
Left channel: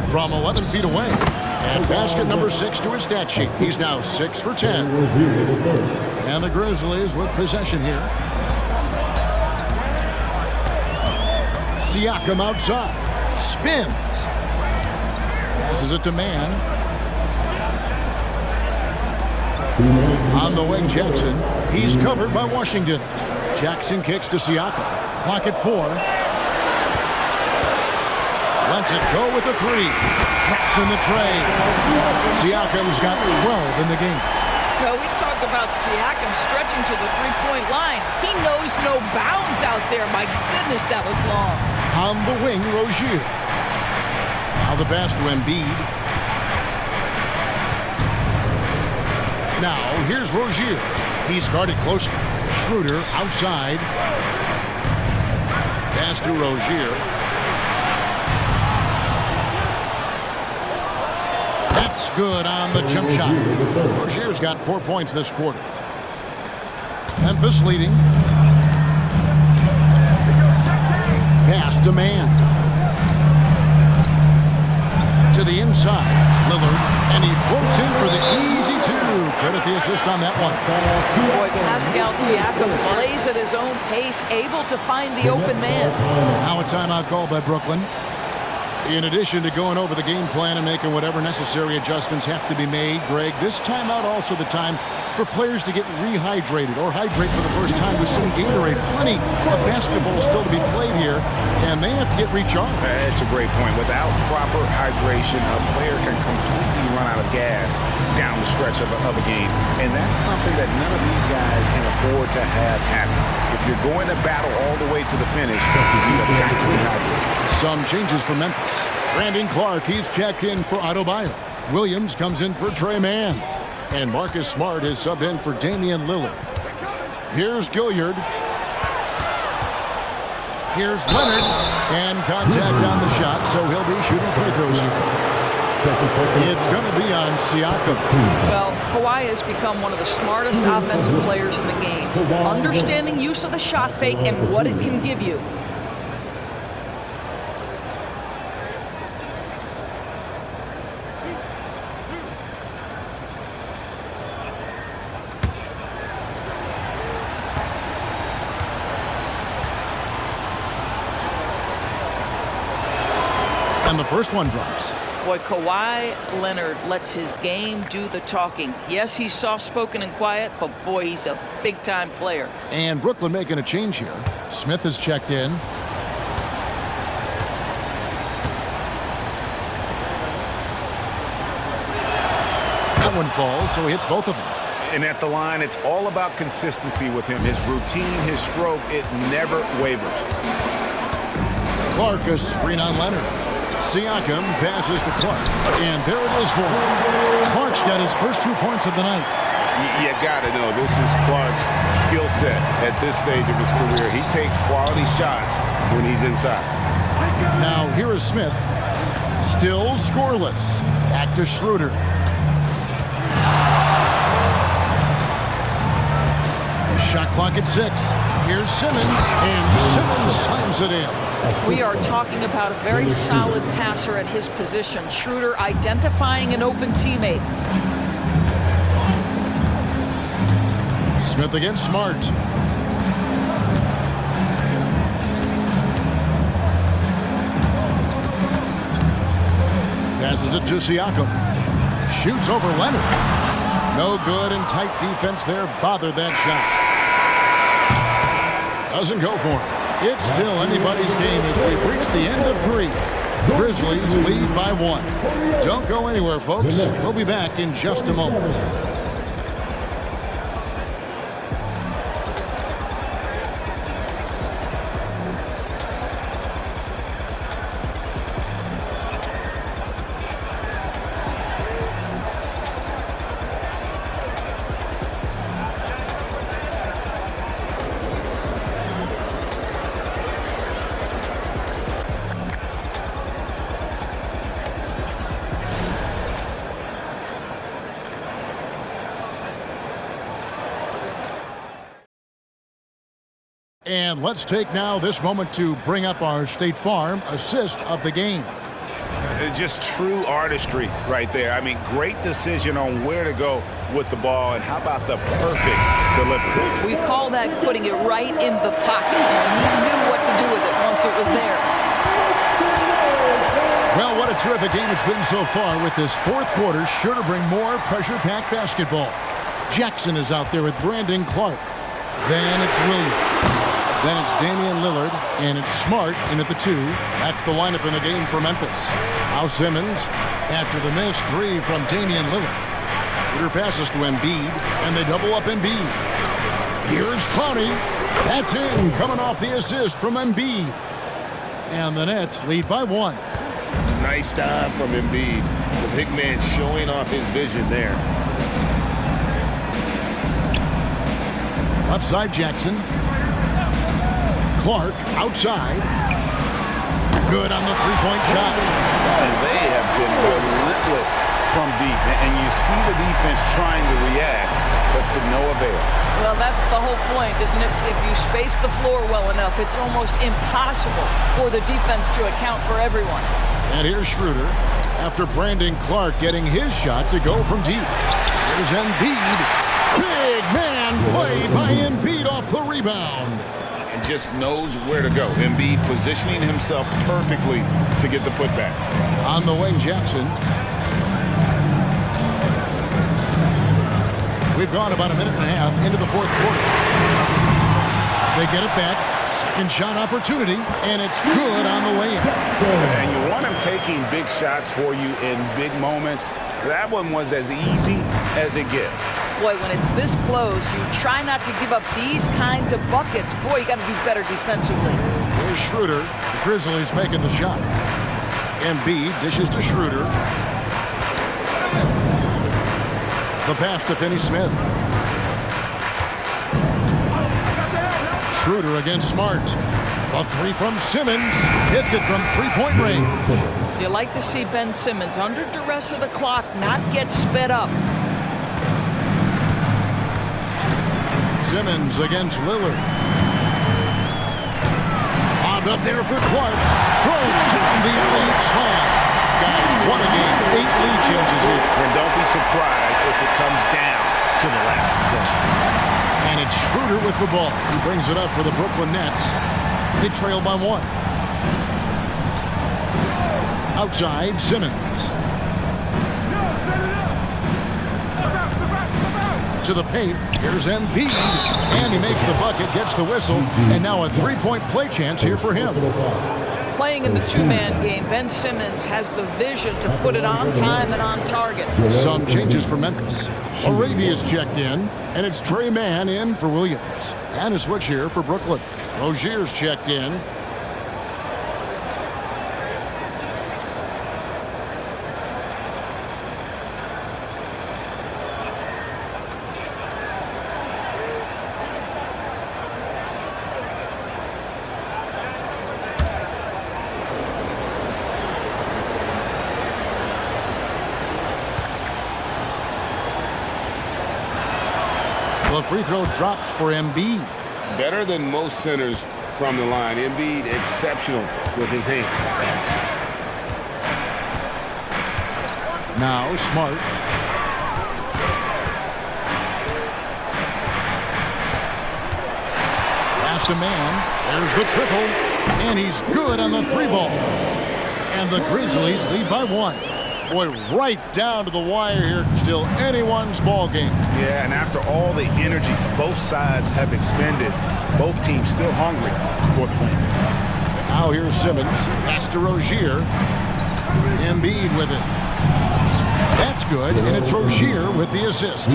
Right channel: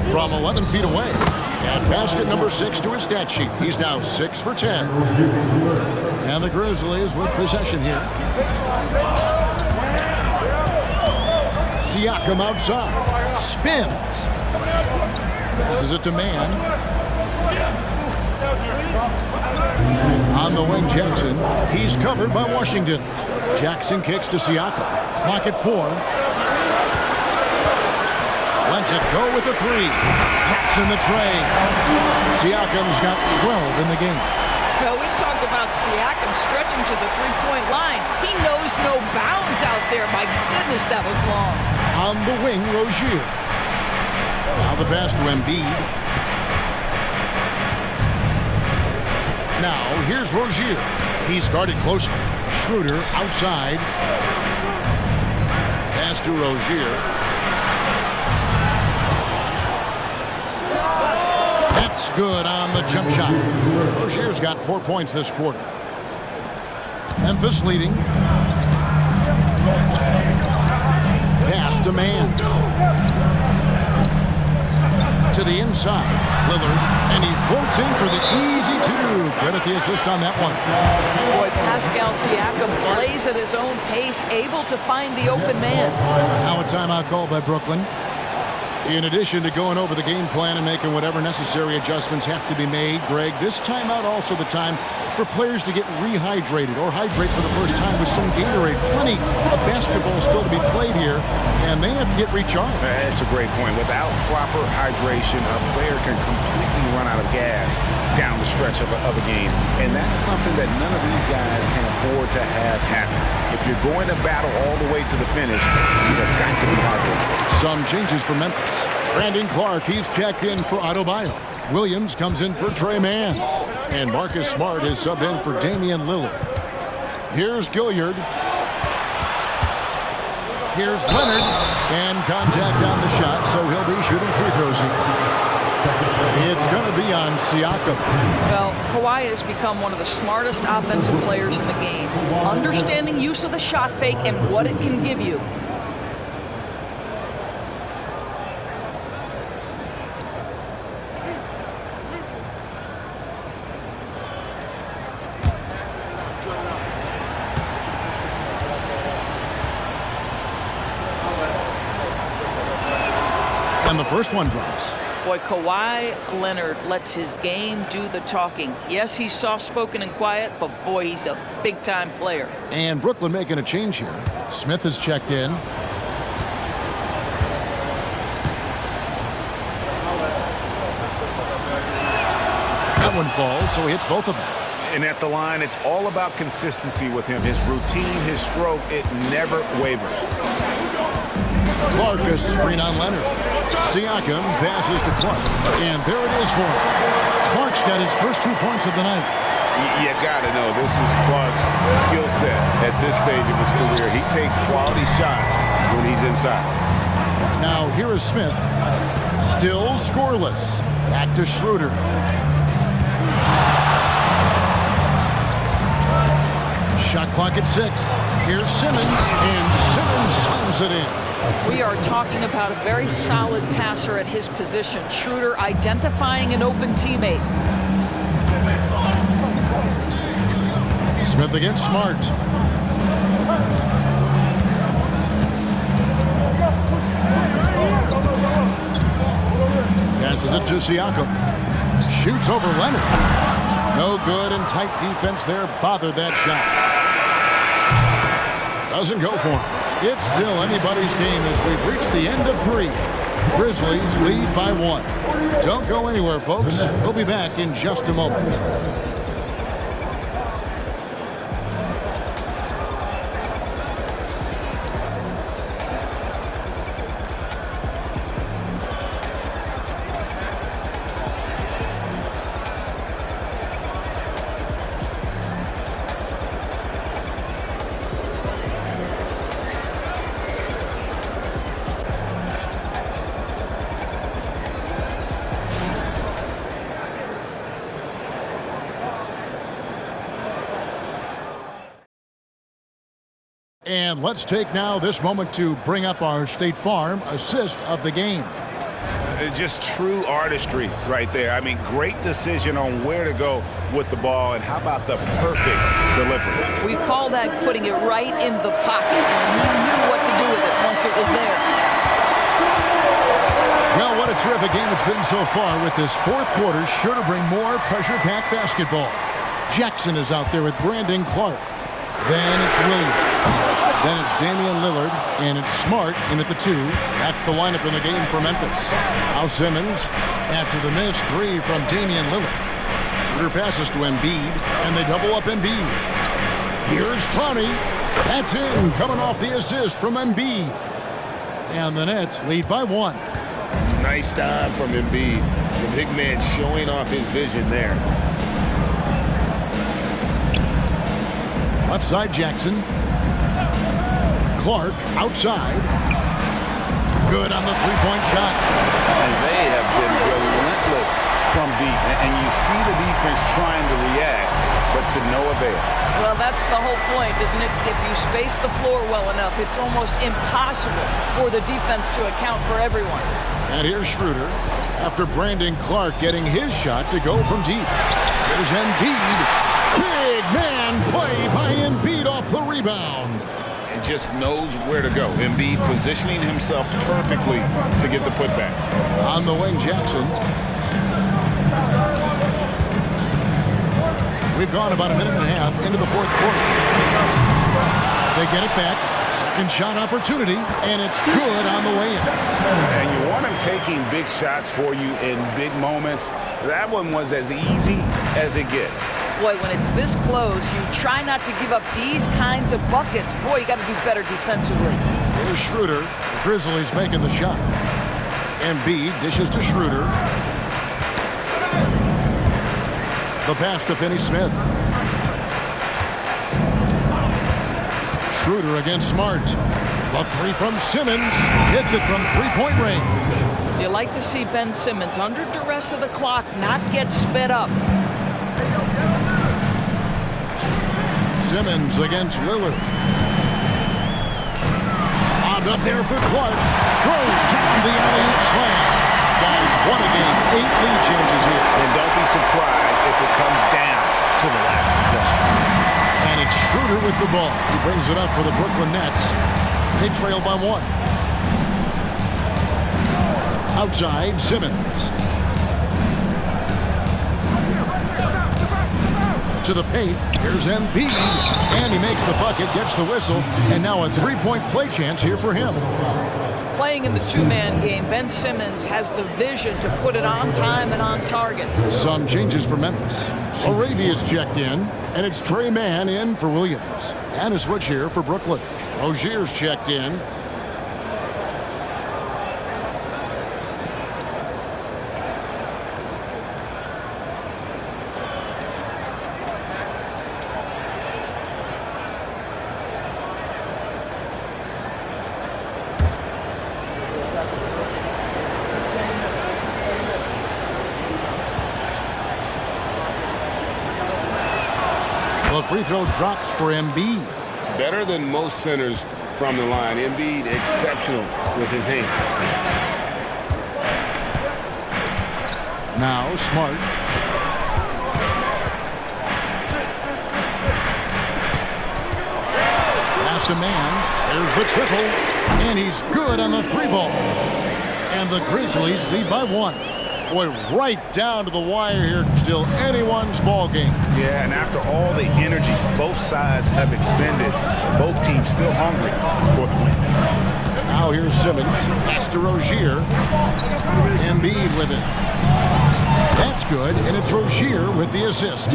From 11 feet away. And basket number 6 to his stat sheet. He's now 6 for 10. And the Grizzlies with possession here. Siakam outside. Spins. Passes it to Man. On the wing, Jackson. He's covered by Washington. Jackson kicks to Siakam. Clock at 4. Lets it go with the 3. Drops in the tray. Siakam's got 12 in the game. Well, we talk about Siakam stretching to the three-point line. He knows no bounds out there. My goodness, that was long. On the wing, Rozier. Now the pass to Embid. Now here's Rozier. He's guarded closer. Schroeder outside. Pass to Rozier. That's good on the jump shot. Rozier's got 4 points this quarter. Memphis leading. Pass to Man. To the inside. Lillard. And he floats in for the easy 2. Credit the assist on that one. Boy, Pascal Siakam plays at his own pace, able to find the open man. Now a timeout call by Brooklyn. In addition to going over the game plan and making whatever necessary adjustments have to be made, Greg, this timeout also the time for players to get rehydrated or hydrate for the first time with some Gatorade. Plenty of basketball still to be played here, and they have to get recharged. That's a great point. Without proper hydration, a player can completely run out of gas down the stretch of a game. And that's something that none of these guys can afford to have happen. If you're going to battle all the way to the finish, you have got to be hydrated. Some changes for Memphis. Brandon Clark, he's checked in for Adebayo. Williams comes in for Trey Mann. And Marcus Smart is subbed in for Damien Lillard. Here's Gilliard. Here's Leonard. And contact on the shot, so he'll be shooting free throws here. It's going to be on Siakam. Well, Kawhi has become one of the smartest offensive players in the game. Understanding use of the shot fake and what it can give you. And the first one drops. Boy, Kawhi Leonard lets his game do the talking. Yes, he's soft-spoken and quiet, but boy, he's a big-time player. And Brooklyn making a change here. Smith has checked in. That one falls, so he hits both of them. And at the line, it's all about consistency with him. His routine, his stroke, it never wavers. Clark, a screen on Leonard. Siakam passes to Clark. And there it is for him. Clark's got his first 2 points of the night. You got to know, this is Clark's skill set at this stage of his career. He takes quality shots when he's inside. Now here is Smith. Still scoreless. Back to Schroeder. Shot clock at 6. Here's Simmons. And Simmons slams it in. We are talking about a very solid passer at his position. Schroeder identifying an open teammate. Smith against Smart. Passes it to Siakam. Shoots over Leonard. No good, and tight defense there bothered that shot. Doesn't go for him. It's still anybody's game as we've reached the end of 3. Grizzlies lead by 1. Don't go anywhere, folks. We'll be back in just a moment. And let's take now this moment to bring up our State Farm assist of the game. Just true artistry right there. I mean, great decision on where to go with the ball, and how about the perfect delivery? We call that putting it right in the pocket, and he knew what to do with it once it was there. Well, what a terrific game it's been so far, with this fourth quarter sure to bring more pressure-packed basketball. Jackson is out there with Brandon Clark. Then it's Williams. Then it's Damian Lillard, and it's Smart in at the 2. That's the lineup in the game for Memphis. Now Simmons, after the miss 3 from Damian Lillard. Schroeder passes to Embiid, and they double up Embiid. Here's Clowney. That's in, coming off the assist from Embiid. And the Nets lead by 1. Nice time from Embiid. The big man showing off his vision there. Left side, Jackson. Clark outside. Good on the three-point shot. And they have been relentless from deep. And you see the defense trying to react, but to no avail. Well, that's the whole point, isn't it? If you space the floor well enough, it's almost impossible for the defense to account for everyone. And here's Schroeder after Brandon Clark getting his shot to go from deep. Here's Embiid. Big man play by Embiid off the rebound. And just knows where to go. Embiid positioning himself perfectly to get the putback. On the wing, Jackson. We've gone about a minute and a half into the fourth quarter. They get it back. Second shot opportunity, and it's good on the way in. And you want him taking big shots for you in big moments. That one was as easy as it gets. Boy, when it's this close, you try not to give up these kinds of buckets. Boy, you got to do better defensively. Here's Schroeder. The Grizzlies making the shot. Embiid dishes to Schroeder. The pass to Finney-Smith. Schroeder against Smart. The 3 from Simmons. Hits it from three-point range. You like to see Ben Simmons, under duress of the clock, not get sped up. Simmons against Lillard. Lobbed up there for Clark. Throws down the alley-oop slam. Guys, what a game. 8 lead changes here. And don't be surprised if it comes down to the last possession. And it's Schroeder with the ball. He brings it up for the Brooklyn Nets. They trail by 1. Outside, Simmons. To the paint. Here's Embiid. And he makes the bucket, gets the whistle, and now a three-point play chance here for him. Playing in the two-man game, Ben Simmons has the vision to put it on time and on target. Some changes for Memphis. Arabia's checked in, and it's Trey Mann in for Williams. And a switch here for Brooklyn. Rozier's checked in. The free throw drops for Embiid. Better than most centers from the line. Embiid exceptional with his hand. Now Smart. Pass to Man. There's the triple. And he's good on the 3-ball. And the Grizzlies lead by 1. Boy, right down to the wire here. Still anyone's ball game. Yeah, and after all the energy both sides have expended, both teams still hungry for the win. Now here's Simmons. Pass to Rozier. Embiid with it. That's good, and it's Rozier with the assist.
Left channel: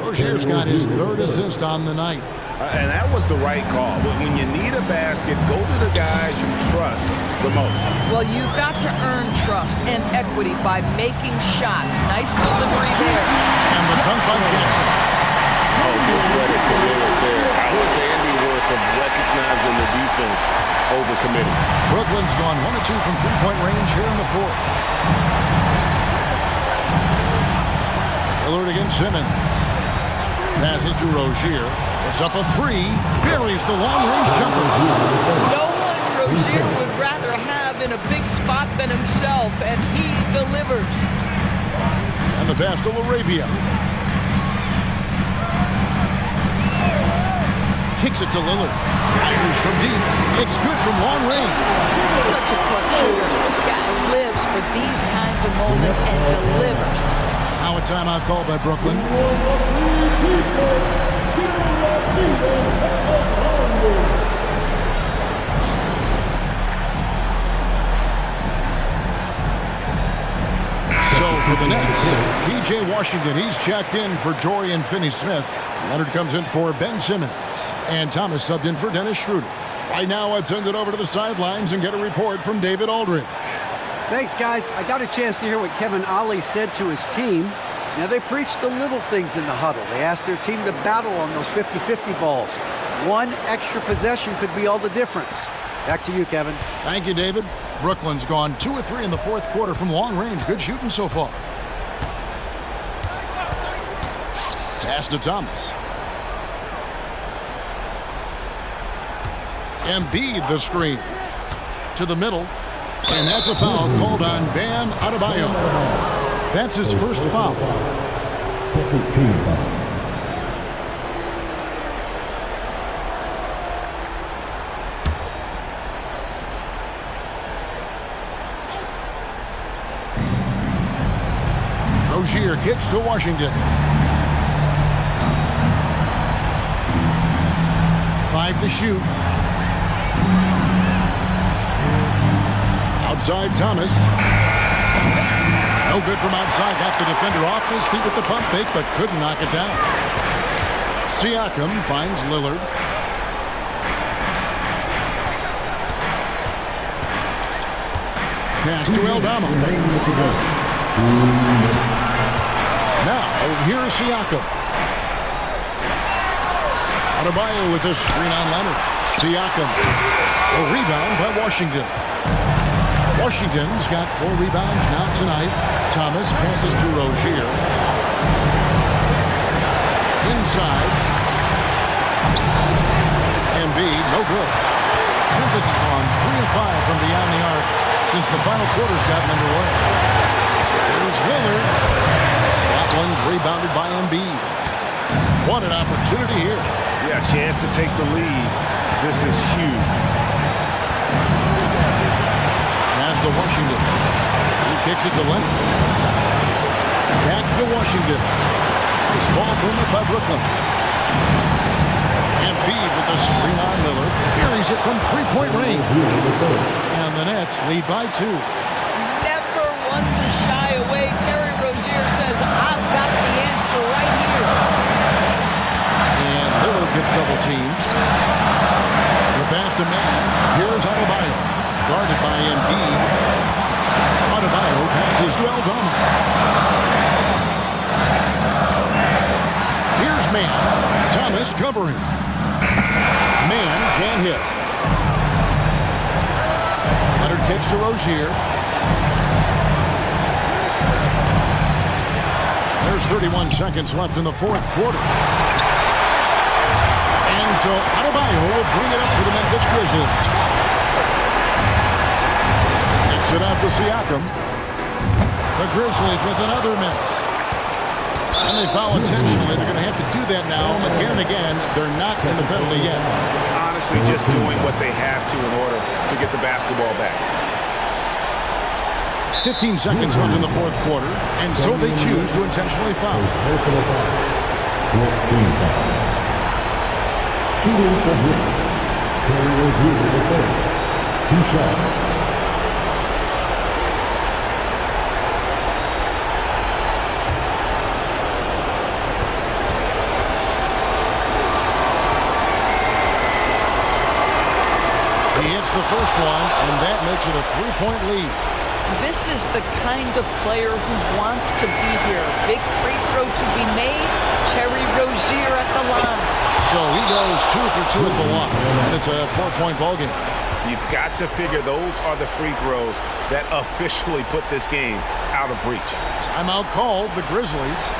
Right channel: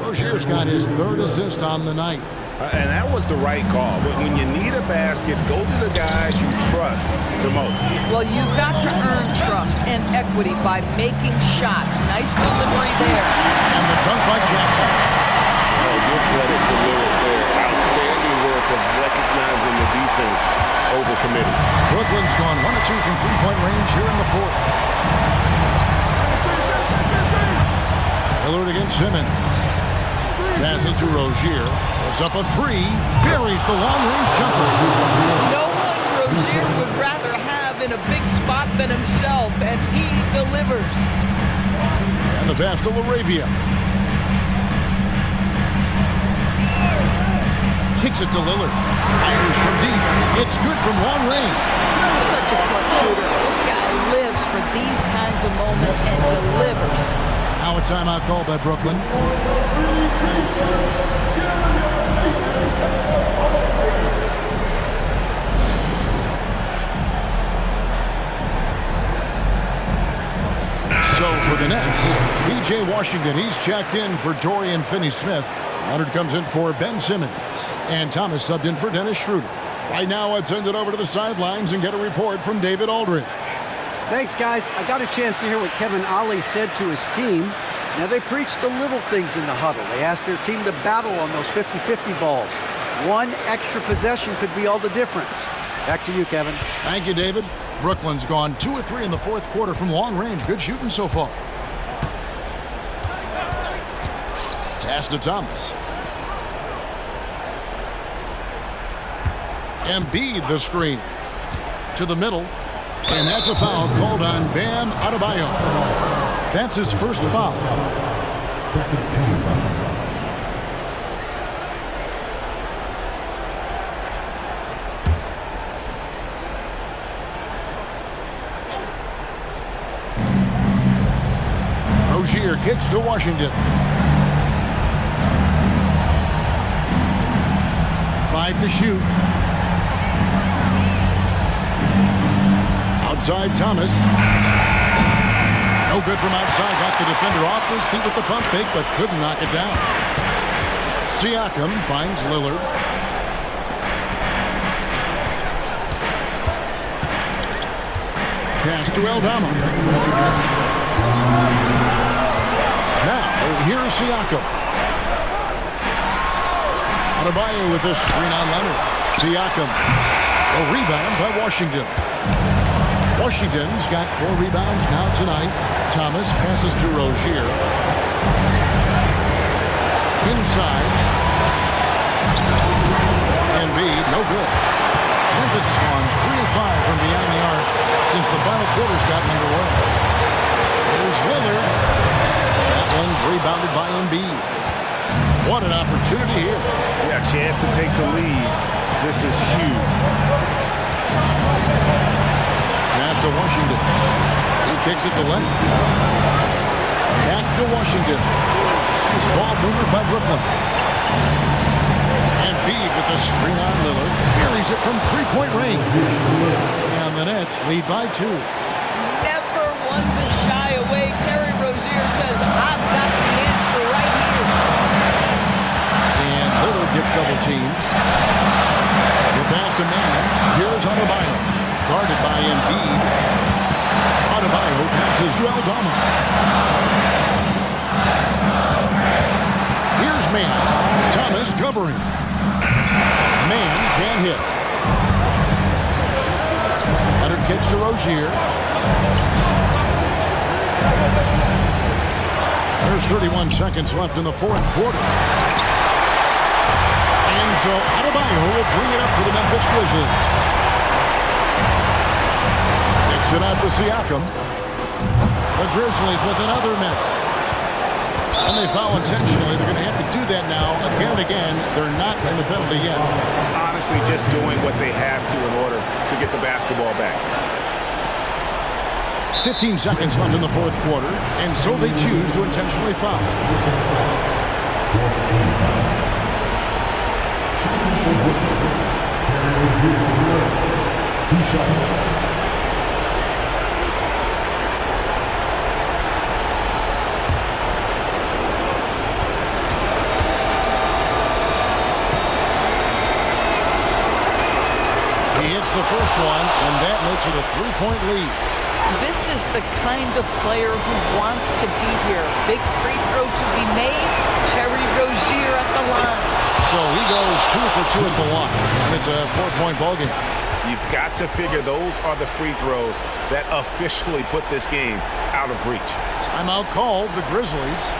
Rozier's got his 3rd assist on the night. And that was the right call. When you need a basket, go to the guys you trust the most. Well, you've got to earn trust and equity by making shots. Nice delivery there. And the dunk by Jackson. Oh, give credit to Lillard there. Outstanding work of recognizing the defense over committing. Brooklyn's gone 1 of 2 from three-point range here in the 4th. Lillard against Simmons. Passes to Rozier. Puts up a three. Buries the long-range jumper. No one Rozier would rather have in a big spot than himself, and he delivers. And the pass to LaRavia. Kicks it to Lillard. Fires from deep. It's good from long range. Such a clutch shooter. This guy lives for these kinds of moments and delivers. Now a timeout call by Brooklyn. So for the Nets, P.J. Washington, he's checked in for Dorian Finney-Smith. Leonard comes in for Ben Simmons. And Thomas subbed in for Dennis Schroeder. Right now, let's send it over to the sidelines and get a report from David Aldridge. Thanks, guys. I got a chance to hear what Kevin Ollie said to his team. Now, they preached the little things in the huddle. They asked their team to battle on those 50-50 balls. One extra possession could be all the difference. Back to you, Kevin. Thank you, David. Brooklyn's gone 2 of 3 in the fourth quarter from long range. Good shooting so far. Pass to Thomas. Embid the screen. To the middle. And that's a foul called on Bam Adebayo. That's his first foul. Second team foul. Rozier kicks to Washington. 5 to shoot. Outside Thomas. No good from outside. Got the defender off his feet with the pump fake, but couldn't knock it down. Siakam finds Lillard. Pass to Eldama. Now, here's Siakam. Adebayo with this screen on Leonard. Siakam. A rebound by Washington. Washington's got 4 rebounds now tonight. Thomas passes to Rozier. Inside. Embid, no good. Memphis has gone 3 of 5 from beyond the arc since the final quarter's gotten underway. Here's Lillard. That one's rebounded by Embid. What an opportunity here. Yeah, chance to take the lead. This is huge. Pass to Washington. He kicks it to Leonard. Back to Washington. Nice ball movement by Brooklyn. Embid with the screen on Lillard. Buries it from 3-point range. And the Nets lead by 2. Never one to shy away. Terry Rozier says, I've got the answer right here. And Lillard gets double teamed. The pass to man. Here's Adebayo. Guarded by Embid. Adebayo passes to Eldama. Here's Man. Thomas covering. Man can't hit. Leonard kicks to Rozier. There's 31 seconds left in the fourth quarter. And so Adebayo will bring it up for the Memphis Grizzlies. Kicks it out to Siakam. The Grizzlies with another miss. And they foul intentionally. They're going to have to do that now again and again. They're not in the penalty yet. Honestly, just doing what they have to in order to get the basketball back. 15 seconds left in the fourth quarter, and so they choose to intentionally foul. Personal foul. 14 foul. Shooting for Brooklyn. Terry Rozier for Lillard. 2 shots. He hits the first one, and that makes it a 3-point lead. This is the kind of player who wants to be here. Big free throw to be made. Terry Rozier at the line. So he goes 2 for 2 at the line, and it's a 4-point ballgame. You've got to figure those are the free throws that officially put this game out of reach. Timeout called, the Grizzlies.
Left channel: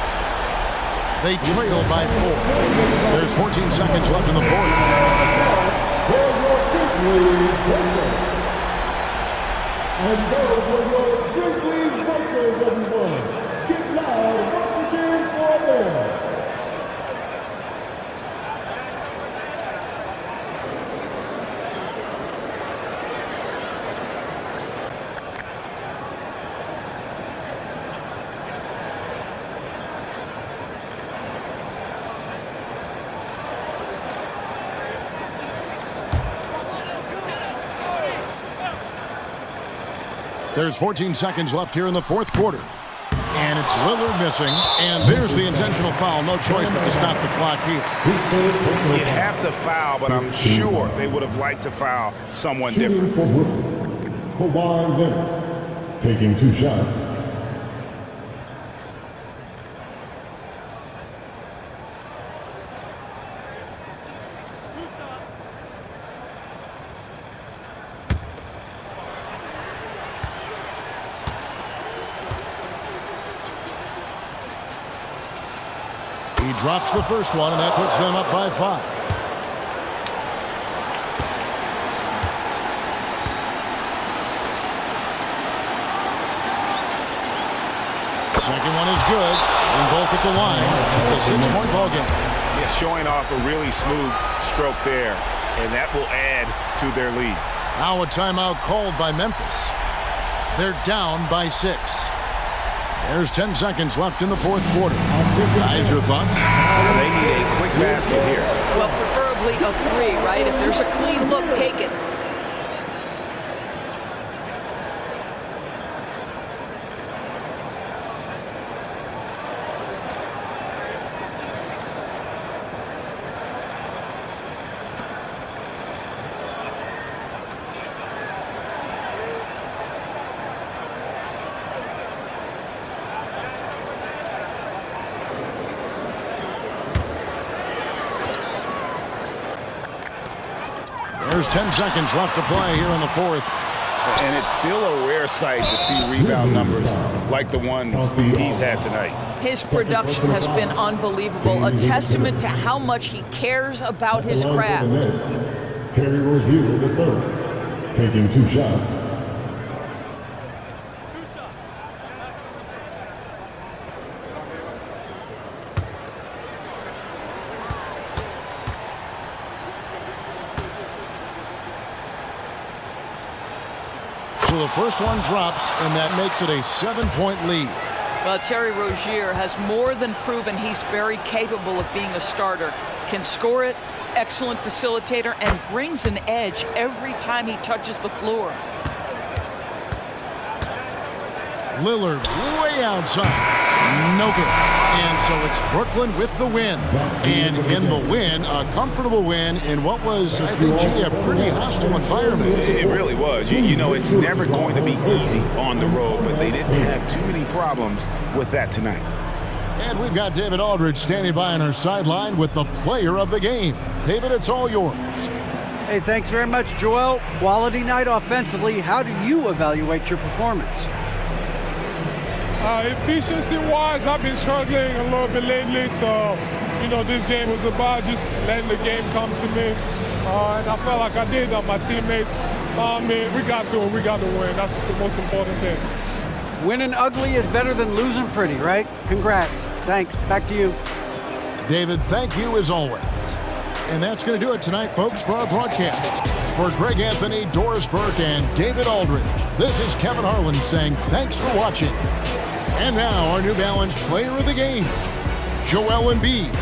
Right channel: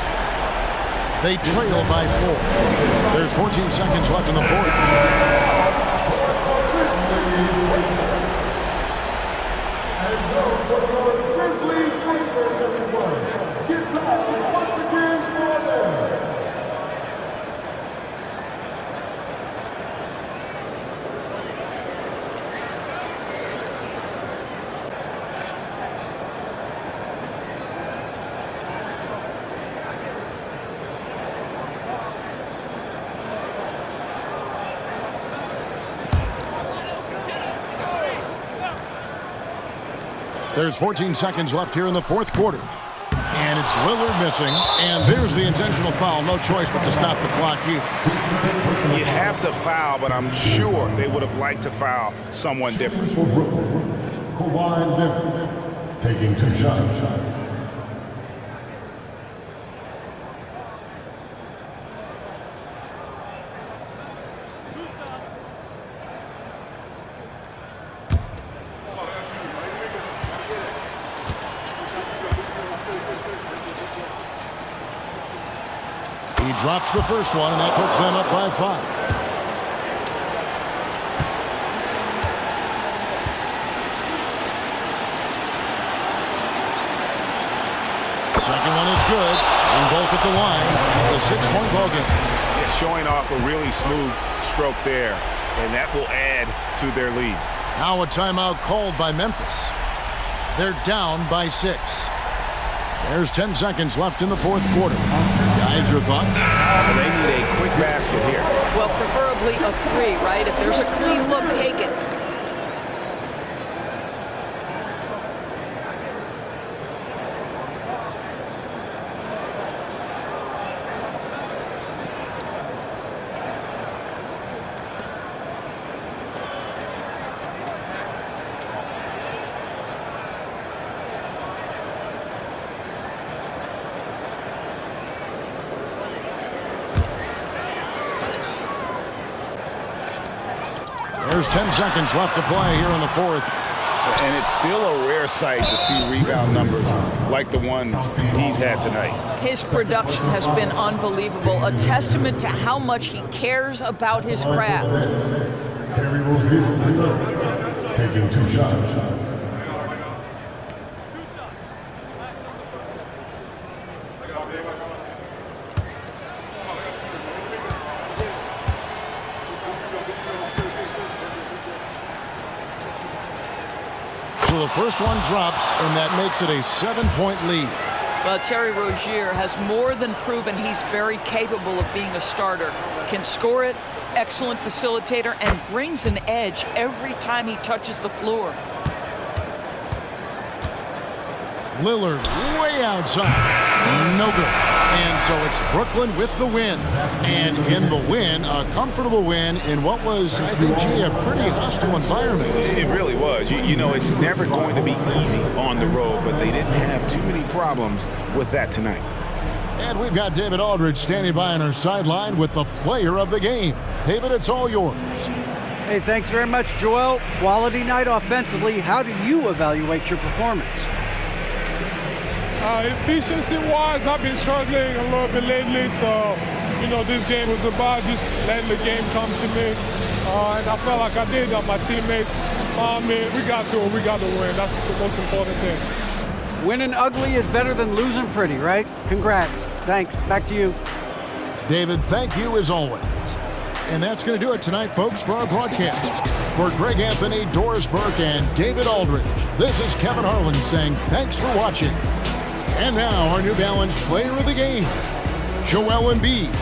They trail by 4. There's 14 seconds left in the fourth. And those are the Grizzlies breakers, everyone. Get loud once again for them. There's 14 seconds left here in the fourth quarter. And it's Lillard missing. And there's the intentional foul. No choice but to stop the clock here. You have to foul, but I'm sure they would have liked to foul someone different. For Brooklyn, Kawhi Leonard taking 2 shots. He drops the first one, and that puts them up by 5. Second one is good, and both at the line, and it's a 6-point ball game. Yeah, showing off a really smooth stroke there, and that will add to their lead. Now a timeout called by Memphis. They're down by 6. There's 10 seconds left in the fourth quarter. Guys, your thoughts? Well, they need a quick basket here. Well, preferably a 3, right? If there's a clean look, take it. There's 10 seconds left to play here in the fourth. And it's still a rare sight to see rebound numbers like the ones he's had tonight. His production has been unbelievable, a testament to how much he cares about his craft. Terry Rozier III taking 2 shots. So the first one drops, and that makes it a 7-point lead. Well, Terry Rozier has more than proven he's very capable of being a starter. Can score it, excellent facilitator, and brings an edge every time he touches the floor. Lillard way outside. No good. And so it's Brooklyn with the win. And in the win, a comfortable win in what was, I think, a pretty hostile environment. It really was. You know, it's never going to be easy on the road, but they didn't have too many problems with that tonight. And we've got David Aldridge standing by on our sideline with the player of the game. David, it's all yours. Hey, thanks very much, Joel. Quality night offensively. How do you evaluate your performance? Efficiency-wise, I've been struggling a little bit lately, so, you know, this game was about just letting the game come to me. And I felt like I did. My teammates found me. We got through it. We got the win. That's the most important thing. Winning ugly is better than losing pretty, right? Congrats. Thanks. Back to you. David, thank you as always. And that's going to do it tonight, folks, for our broadcast. For Greg Anthony, Doris Burke, and David Aldridge, this is Kevin Harlan saying thanks for watching. And now our New Balance player of the game, Joel Embid.